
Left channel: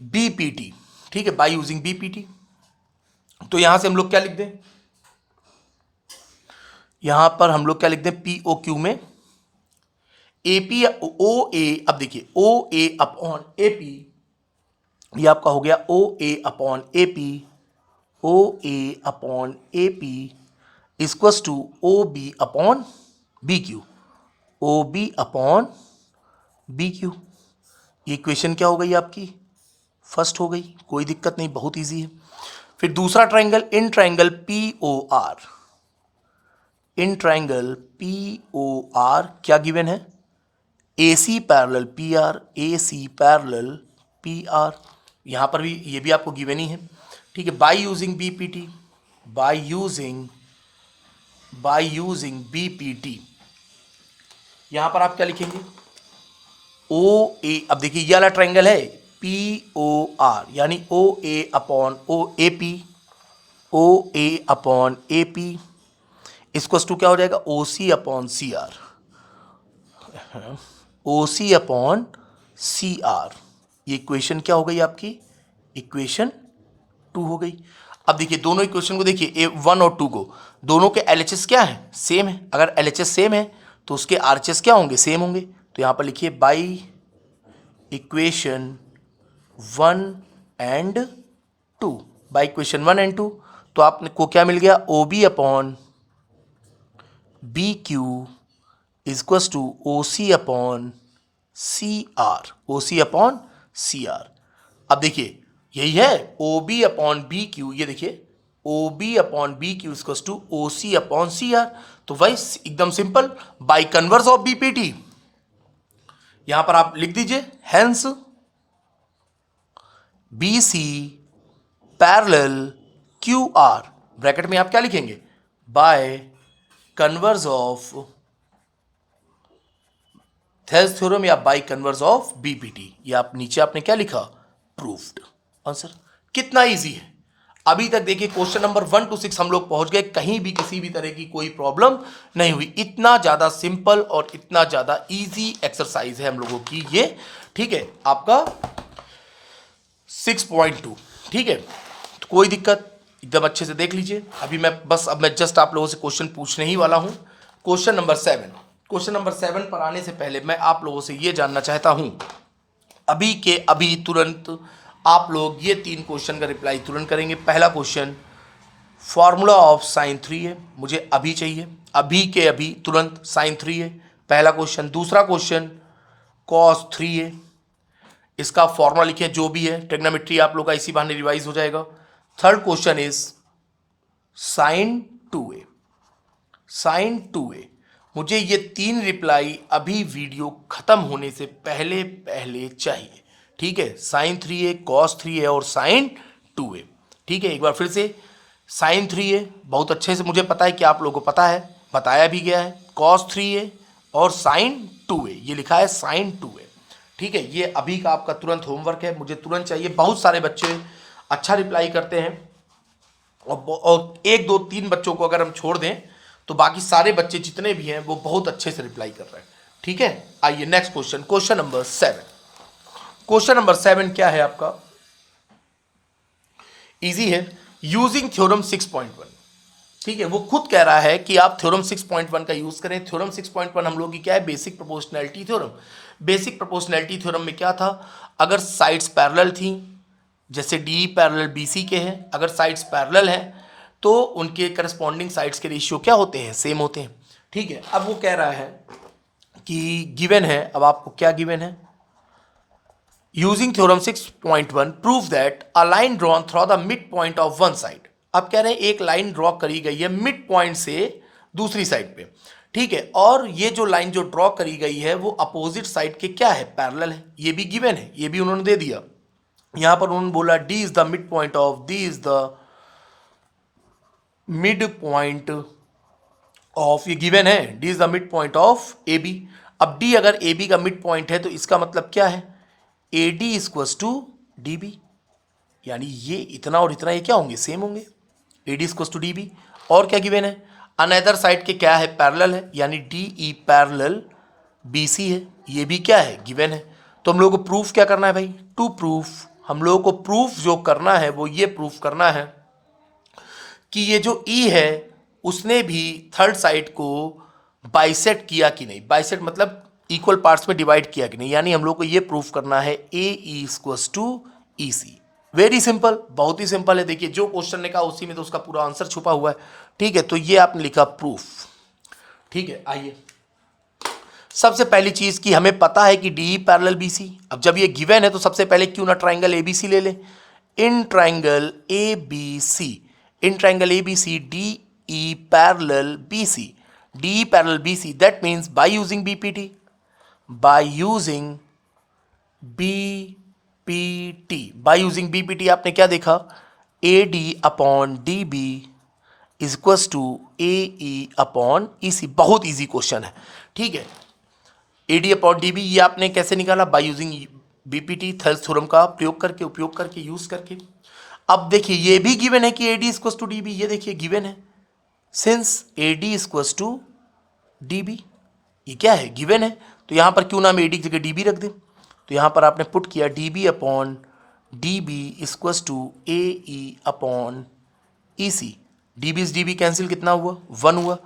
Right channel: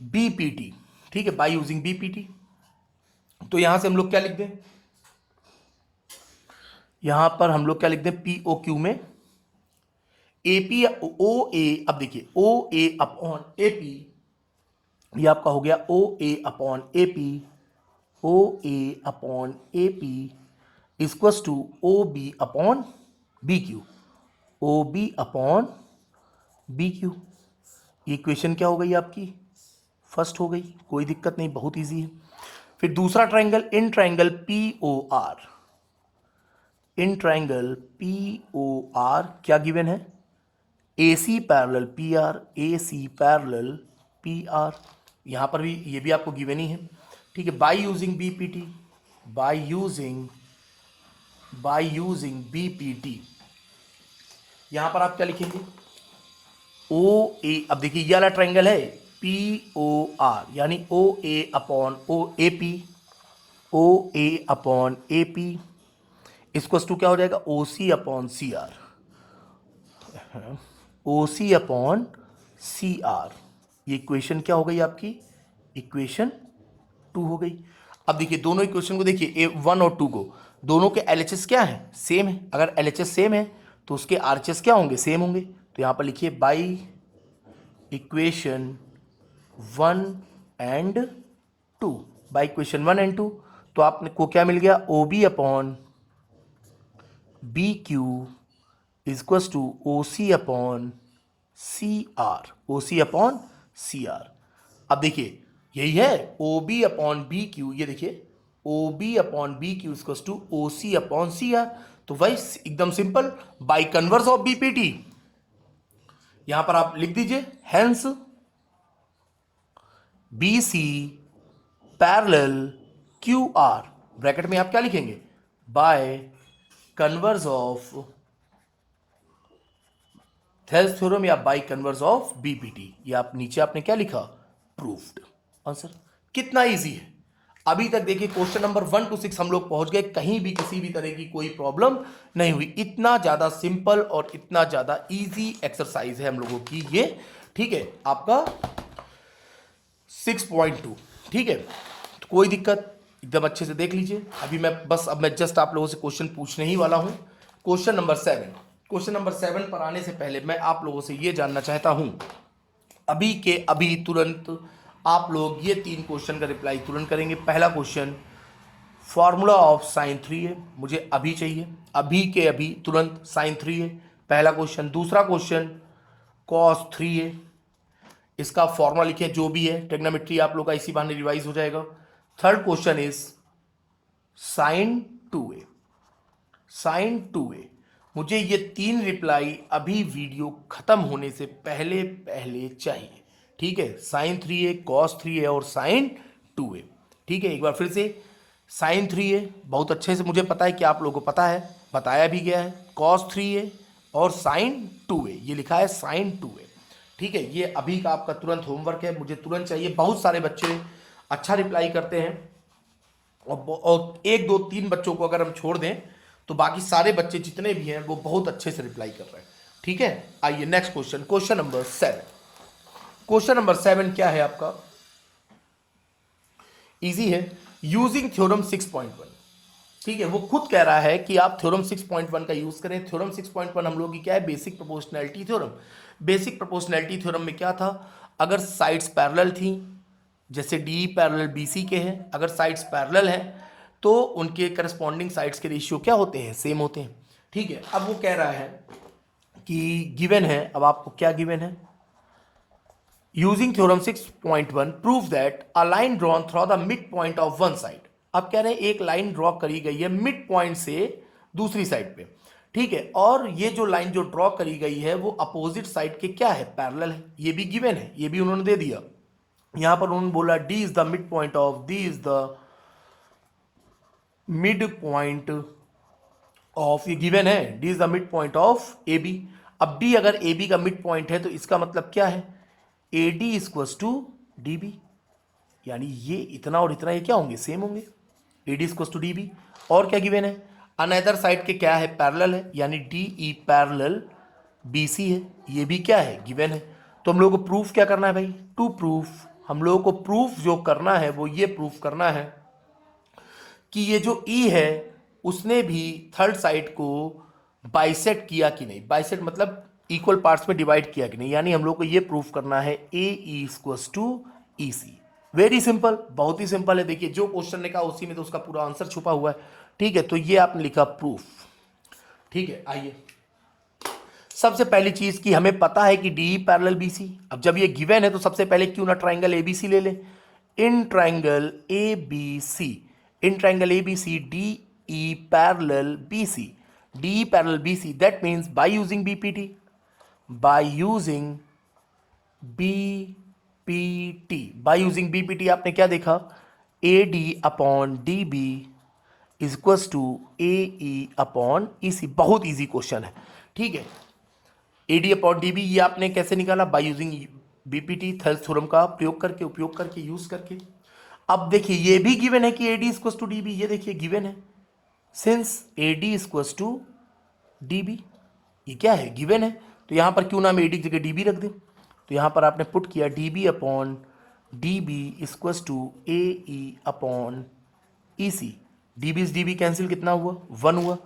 BPT। ठीक है, बाय यूजिंग BPT, तो यहां से हम लोग क्या लिख दें, यहां पर हम लोग क्या लिखते हैं, पी ओ क्यू में ए पी ओ ए, अब देखिए ओ ए अपॉन ए पी, ये आपका हो गया O A upon A P, O A upon A P equals to O B upon B Q, O B upon B Q. ये equation क्या हो गई आपकी, फर्स्ट हो गई, कोई दिक्कत नहीं, बहुत इजी है। फिर दूसरा triangle, in triangle P O R, in triangle P O R क्या गिवन है, A C parallel P R, A C parallel P R, यहां पर भी ये भी आपको गिवन ही है, ठीक है। By using BPT, by using BPT, यहां पर आप क्या लिखेंगे, ओ ए, अब देखिए ये वाला ट्राइंगल है पी ओ आर, यानी O A upon O A P, O A upon A P इसको टू क्या हो जाएगा, O C upon C R, O C upon C R. ये इक्वेशन क्या हो गई आपकी, इक्वेशन 2 हो गई। अब देखिए दोनों इक्वेशन को देखिए, A1 और 2 को, दोनों के LHS क्या है, सेम है। अगर LHS सेम है तो उसके RHS क्या होंगे, सेम होंगे। तो यहां पर लिखिए by equation 1 and 2, by equation 1 and 2, तो आपको क्या मिल गया, O B upon B Q equals to O C upon C R, O C upon C R. अब देखिए यही है O B upon B Q, ये देखिए O B upon B Q equals to O C upon C R. तो भाई एकदम simple, by converse of BPT, यहां पर आप लिख दीजिए hence B C parallel Q R, bracket में आप क्या लिखेंगे, by converse of Thales theorem या बाय कन्वर्स ऑफ बीपीटी, ये आप नीचे आपने क्या लिखा, प्रूव्ड। आंसर कितना इजी है। अभी तक देखिए क्वेश्चन नंबर 1 to 6 हम लोग पहुंच गए, कहीं भी किसी भी तरह की कोई प्रॉब्लम नहीं हुई। इतना ज्यादा सिंपल और इतना ज्यादा इजी एक्सरसाइज है हम लोगों की ये, ठीक है, आपका 6.2, ठीक है। तो कोई दिक्कत, एकदम अच्छे से देख लीजिए। अभी मैं जस्ट आप लोगों से क्वेश्चन पूछने ही वाला हूं। क्वेश्चन नंबर 7 पर आने से पहले मैं आप लोगों से ये जानना चाहता हूं, अभी के अभी तुरंत आप लोग ये 3 क्वेश्चन का रिप्लाई तुरंत करेंगे। पहला क्वेश्चन फॉर्मूला ऑफ साइन 3 है, मुझे अभी चाहिए, अभी के अभी तुरंत साइन 3 है पहला क्वेश्चन। दूसरा क्वेश्चन कॉस 3 है, इसका फॉर्मूला लिखिए, जो भी है ट्रिग्नोमेट्री आप लोग का इसी बहाने रिवाइज हो जाएगा। Third question is sine 2a, sine 2a। मुझे ये 3 रिप्लाई अभी वीडियो खत्म होने से पहले पहले चाहिए, ठीक है। साइन 3a, कॉस 3a और साइन 2a, ठीक है। एक बार फिर से, साइन 3a बहुत अच्छे से मुझे पता है कि आप लोगों को पता है, बताया भी गया है। कॉस 3a और साइन 2a, ये लिखा है साइन 2a, ठीक है। ये अभी का आपका तुरंत होमवर्क है, मुझे तुरंत चाहिए। बहुत सारे बच्चे अच्छा रिप्लाई करते हैं और 1 2 3 बच्चों को अगर हम छोड़ दें तो बाकी सारे बच्चे जितने भी हैं वो बहुत अच्छे से रिप्लाई कर रहे हैं, ठीक है। आइए next question, question number 7। Question number 7 क्या है आपका, इजी है, यूजिंग थ्योरम 6.1, ठीक है। वो खुद कह रहा है कि आप थ्योरम 6.1 का यूज करें। थ्योरम 6.1 हम लोग की क्या है, basic proportionality theorem. Basic proportionality theorem में क्या था, अगर साइड्स पैरेलल थी, जैसे डी पैरेलल बीसी के हैं, अगर साइड्स पैरेलल हैं तो उनके करस्पॉन्डिंग साइड्स के रेशियो क्या होते हैं, सेम होते हैं, ठीक है। अब वो कह रहा है कि गिवन है, अब आपको क्या गिवन है, using theorem 6.1 prove that a line drawn through the mid point of one side. अब कह रहे हैं एक लाइन ड्रॉ करी गई है मिड पॉइंट से दूसरी साइड पे, ठीक है, और ये जो लाइन जो ड्रॉ करी गई है वो अपोजिट साइड के क्या है, पैरेलल है। ये भी गिवन है, ये भी उन्होंने दे दिया। यहां पर उन्होंने बोला D is the mid point of, D is the mid point of, ये गिवन है, D is the mid point of A B. अब डी अगर ए बी का मिड पॉइंट है तो इसका मतलब क्या है, A D equals to D B, यानी ये इतना और इतना ये क्या होंगे, सेम होंगे, A D equals to D B. और क्या गिवन है, अनदर साइड के क्या है, पैरेलल है, यानी D E parallel B C है, ये भी क्या है, गिवन है। तो हम लोगों को प्रूफ क्या करना है भाई, टू प्रूफ, हम लोगों को प्रूफ जो करना है वो ये प्रूफ करना है कि ये जो ई है उसने भी थर्ड साइड को बाइसेक्ट किया कि नहीं, बाइसेक्ट मतलब इक्वल पार्ट्स में डिवाइड किया कि नहीं, यानी हम लोग को ये प्रूफ करना है A equals to E C. Very simple, बहुत ही सिंपल है। देखिए जो क्वेश्चन ने कहा उसी में तो उसका पूरा आंसर छुपा हुआ है। ठीक है, तो ये आपने लिखा प्रूफ। ठीक है, आइए सबसे पहली चीज की हमें पता है कि डी पैरेलल बी सी। अब जब ये गिवन है तो सबसे पहले क्यों ना ट्राइंगल ए बी सी ले ले। In triangle A B C, in triangle A B C D E parallel B C, D parallel B C, that means by using BPT, by using BPT, by using BPT आपने क्या देखा, A D upon D B is equals to A E upon E C. बहुत easy question है। ठीक है, A D upon D B ये आपने कैसे निकाला, by using BPT, Thales theorem का उपयोग करके यूज करके। अब देखिए ये भी गिवन है कि A D equals to D B, ये देखिए गिवन है, since A D equals to D B, ये क्या है, गिवन है। तो यहां पर क्यों ना हम ए डी की जगह डी बी रख दें। तो यहां पर आपने पुट किया D B upon D B equals to A E upon E C. D B cancel कितना हुआ, 1 हुआ।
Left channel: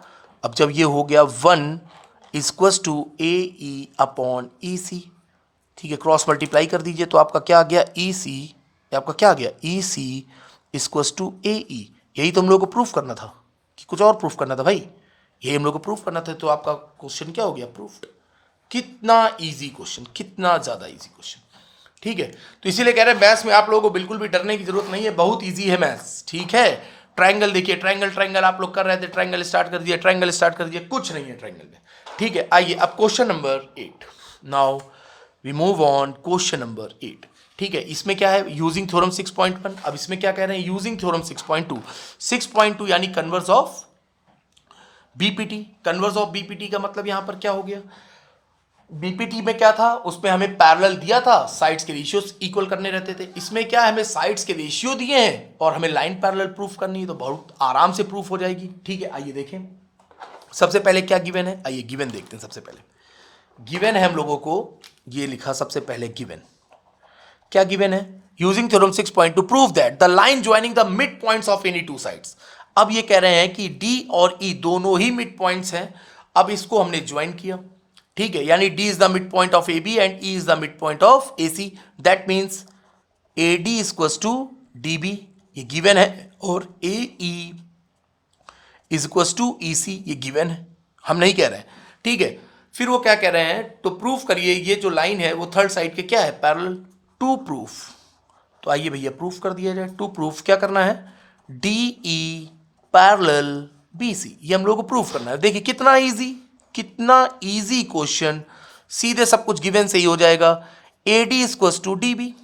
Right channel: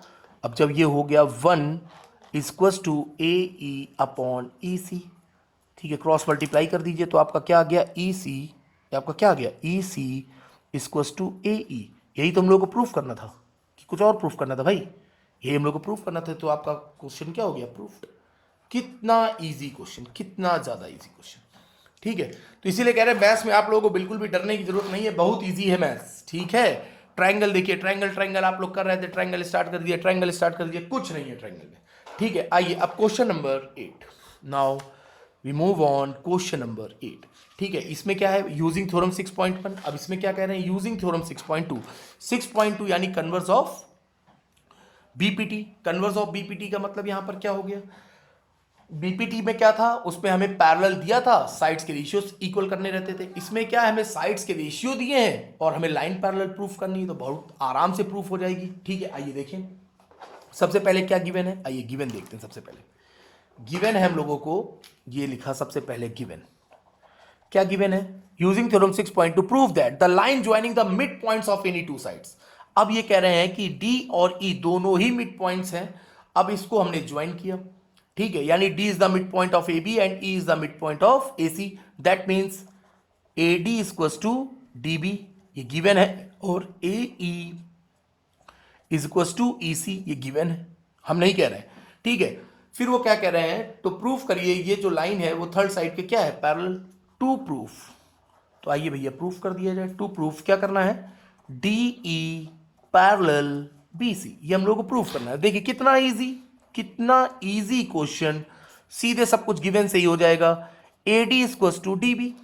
अब जब ये हो गया 1 equals to A E upon E C, ठीक है, क्रॉस मल्टीप्लाई कर दीजिए तो आपका क्या आ गया, ई सी, आपका क्या आ गया, E C equals to A ई। यही तो हम लोग को प्रूफ करना था कि कुछ और प्रूफ करना था भाई, यही हम लोग को प्रूफ करना था। तो आपका क्वेश्चन क्या हो गया, प्रूफ्ड। कितना इजी क्वेश्चन, कितना ज़्यादा इजी क्वेश्चन। ठीक है, तो इसीलिए कह रहे हैं मैथ्स में आप लोगों को बिल्कुल भी डरने की जरूरत नहीं है, बहुत ईजी है मैथ्स। ठीक है, ट्राइंगल देखिए, ट्राइंगल आप लोग कर रहे थे, ट्राइंगल स्टार्ट कर दिया, कुछ नहीं है ट्राइंगल में। ठीक है, आइए अब question number 8। Now we move on question number 8। ठीक है, इसमें क्या है, यूजिंग थ्योरम 6.1। अब इसमें क्या कह रहे हैं, यूजिंग थ्योरम 6.2। 6.2 यानी converse of BPT. Converse of BPT का मतलब यहां पर क्या हो गया, बीपीटी में क्या था, उसमें हमें पैरेलल दिया था, साइड्स के रेशियोज इक्वल करने रहते थे। इसमें क्या है, हमें साइड्स के रेशियो दिए हैं और हमें लाइन पैरेलल प्रूफ करनी है, तो बहुत आराम से प्रूफ हो जाएगी। ठीक है, आइए देखें सबसे पहले क्या गिवन है, आइए गिवन देखते हैं। सबसे पहले गिवन है हम लोगों को, ये लिखा सबसे पहले गिवन, क्या गिवन है, using theorem 6.2 prove that the line joining the mid points of any two sides. अब ये कह रहे हैं कि डी और ई दोनों ही मिड पॉइंट्स हैं। अब इसको हमने ज्वाइन किया, ठीक है, यानी D is the mid point of A B and E is the mid point of A C, that means A D equals to D B, ये गिवन है, और A E is equals to E C, ये given है, हम नहीं कह रहे हैं। ठीक है, फिर वो क्या कह रहे हैं, तो प्रूफ करिए ये जो लाइन है वो थर्ड साइड के क्या है, पैरेलल टू प्रूफ। तो आइए भैया प्रूफ कर दिया जाए। टू प्रूफ क्या करना है, D E parallel B C, ये हम लोग को प्रूफ करना है। देखिए कितना इजी, कितना इजी क्वेश्चन, सीधे सब कुछ गिवन से ही हो जाएगा। A D equals to D B,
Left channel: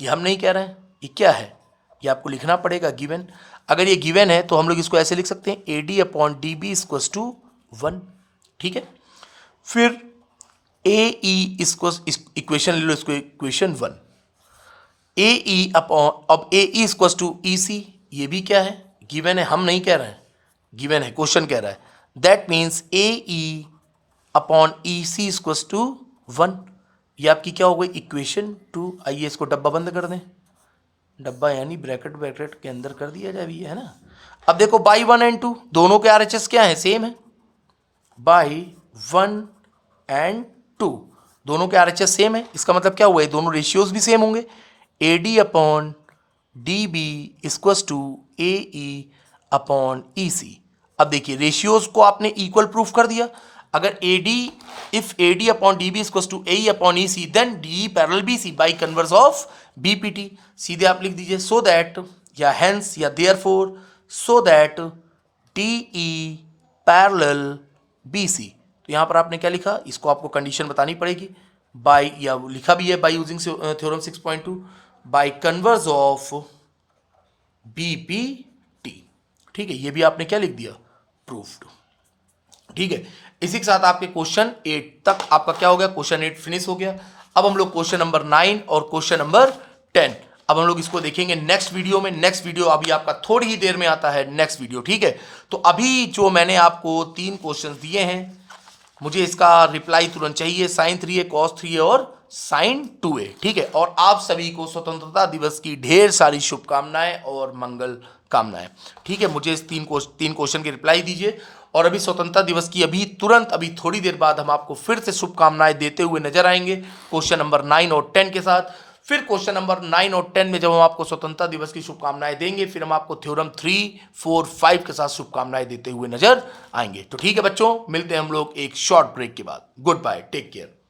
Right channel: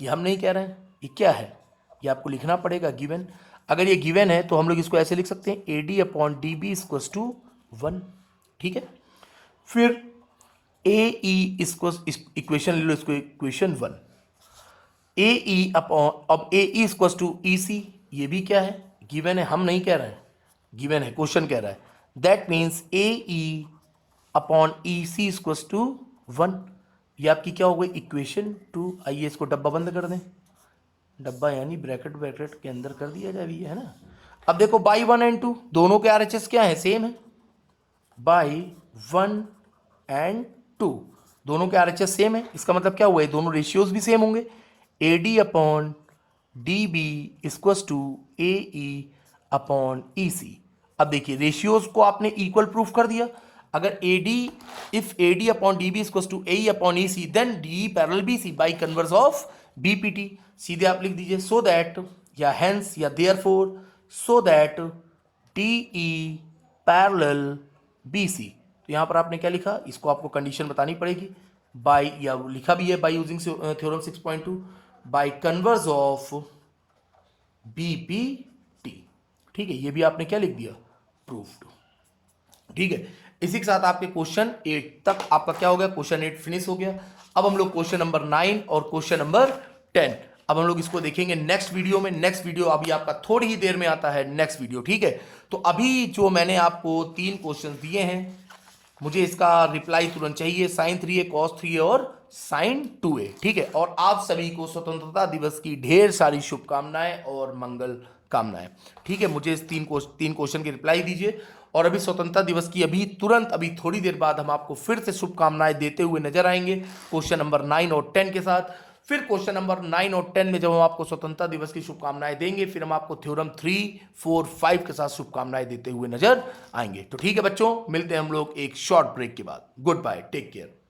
ये हम नहीं कह रहे हैं, ये क्या है, ये आपको लिखना पड़ेगा गिवन। अगर ये गिवन है तो हम लोग इसको ऐसे लिख सकते हैं, A D upon D B equals to 1। ठीक है, फिर ए ई इसको इक्वेशन ले लो, इसको इक्वेशन 1, ए ई अपॉन, अब ए E equals to E C, ये भी क्या है, गिवन है, हम नहीं कह रहे हैं, गिवन है, क्वेश्चन कह रहा है। That means A E upon E C equals to 1, ये आपकी क्या हो गई, इक्वेशन 2। आइए इसको डब्बा बंद कर दें, डब्बा यानी ब्रैकेट के अंदर कर दिया जाए, है ना। अब देखो बाई 1 एंड 2 दोनों के आरएचएस क्या है, सेम है, बाई 1 एंड 2 दोनों के आरएचएस सेम है। इसका मतलब क्या हुआ है, दोनों रेशियोज भी सेम होंगे। A D upon D B equals to A E upon E C. अब देखिए रेशियोज को आपने इक्वल प्रूफ कर दिया। अगर A D, if A D upon D B equals to A E upon E C, then D parallel B C by converse of BPT. सीधे आप लिख दीजिए सो दैट, या हेंस, या therefore, so that D E parallel B C. तो यहां पर आपने क्या लिखा, इसको आपको कंडीशन बतानी पड़ेगी, बाय, या लिखा भी है by using theorem 6.2 bye converse of BPT. ठीक है, ये भी आपने क्या लिख दिया, प्रूफ्ड। ठीक है, इसी के साथ आपके क्वेश्चन 8 तक आपका क्या हो गया, क्वेश्चन 8 फिनिश हो गया। अब हम लोग क्वेश्चन नंबर 9 और क्वेश्चन नंबर 10, अब हम लोग इसको देखेंगे नेक्स्ट वीडियो में। नेक्स्ट वीडियो अभी आपका थोड़ी ही देर में आता है, नेक्स्ट वीडियो। ठीक है, तो अभी जो मैंने आपको 3 क्वेश्चन दिए हैं, मुझे इसका रिप्लाई तुरंत चाहिए। sin 3a cos 3a और sin 2a। ठीक है, और आप सभी को स्वतंत्रता दिवस की ढेर सारी शुभकामनाएं और मंगल कामनाएं। ठीक है, मुझे इस तीन क्वेश्चन की रिप्लाई दीजिए। और अभी स्वतंत्रता दिवस की अभी थोड़ी देर बाद हम आपको फिर से शुभकामनाएं देते हुए नजर आएंगे क्वेश्चन नंबर 9 और 10 के साथ। फिर क्वेश्चन नंबर 9 और 10 में जब हम आपको स्वतंत्रता दिवस की शुभकामनाएं देंगे, फिर हम आपको थ्योरम 3, 4, 5 के साथ शुभकामनाएं देते हुए नजर आएंगे। तो ठीक है बच्चों, मिलते हैं हम लोग एक शॉर्ट ब्रेक के बाद। Goodbye, take care.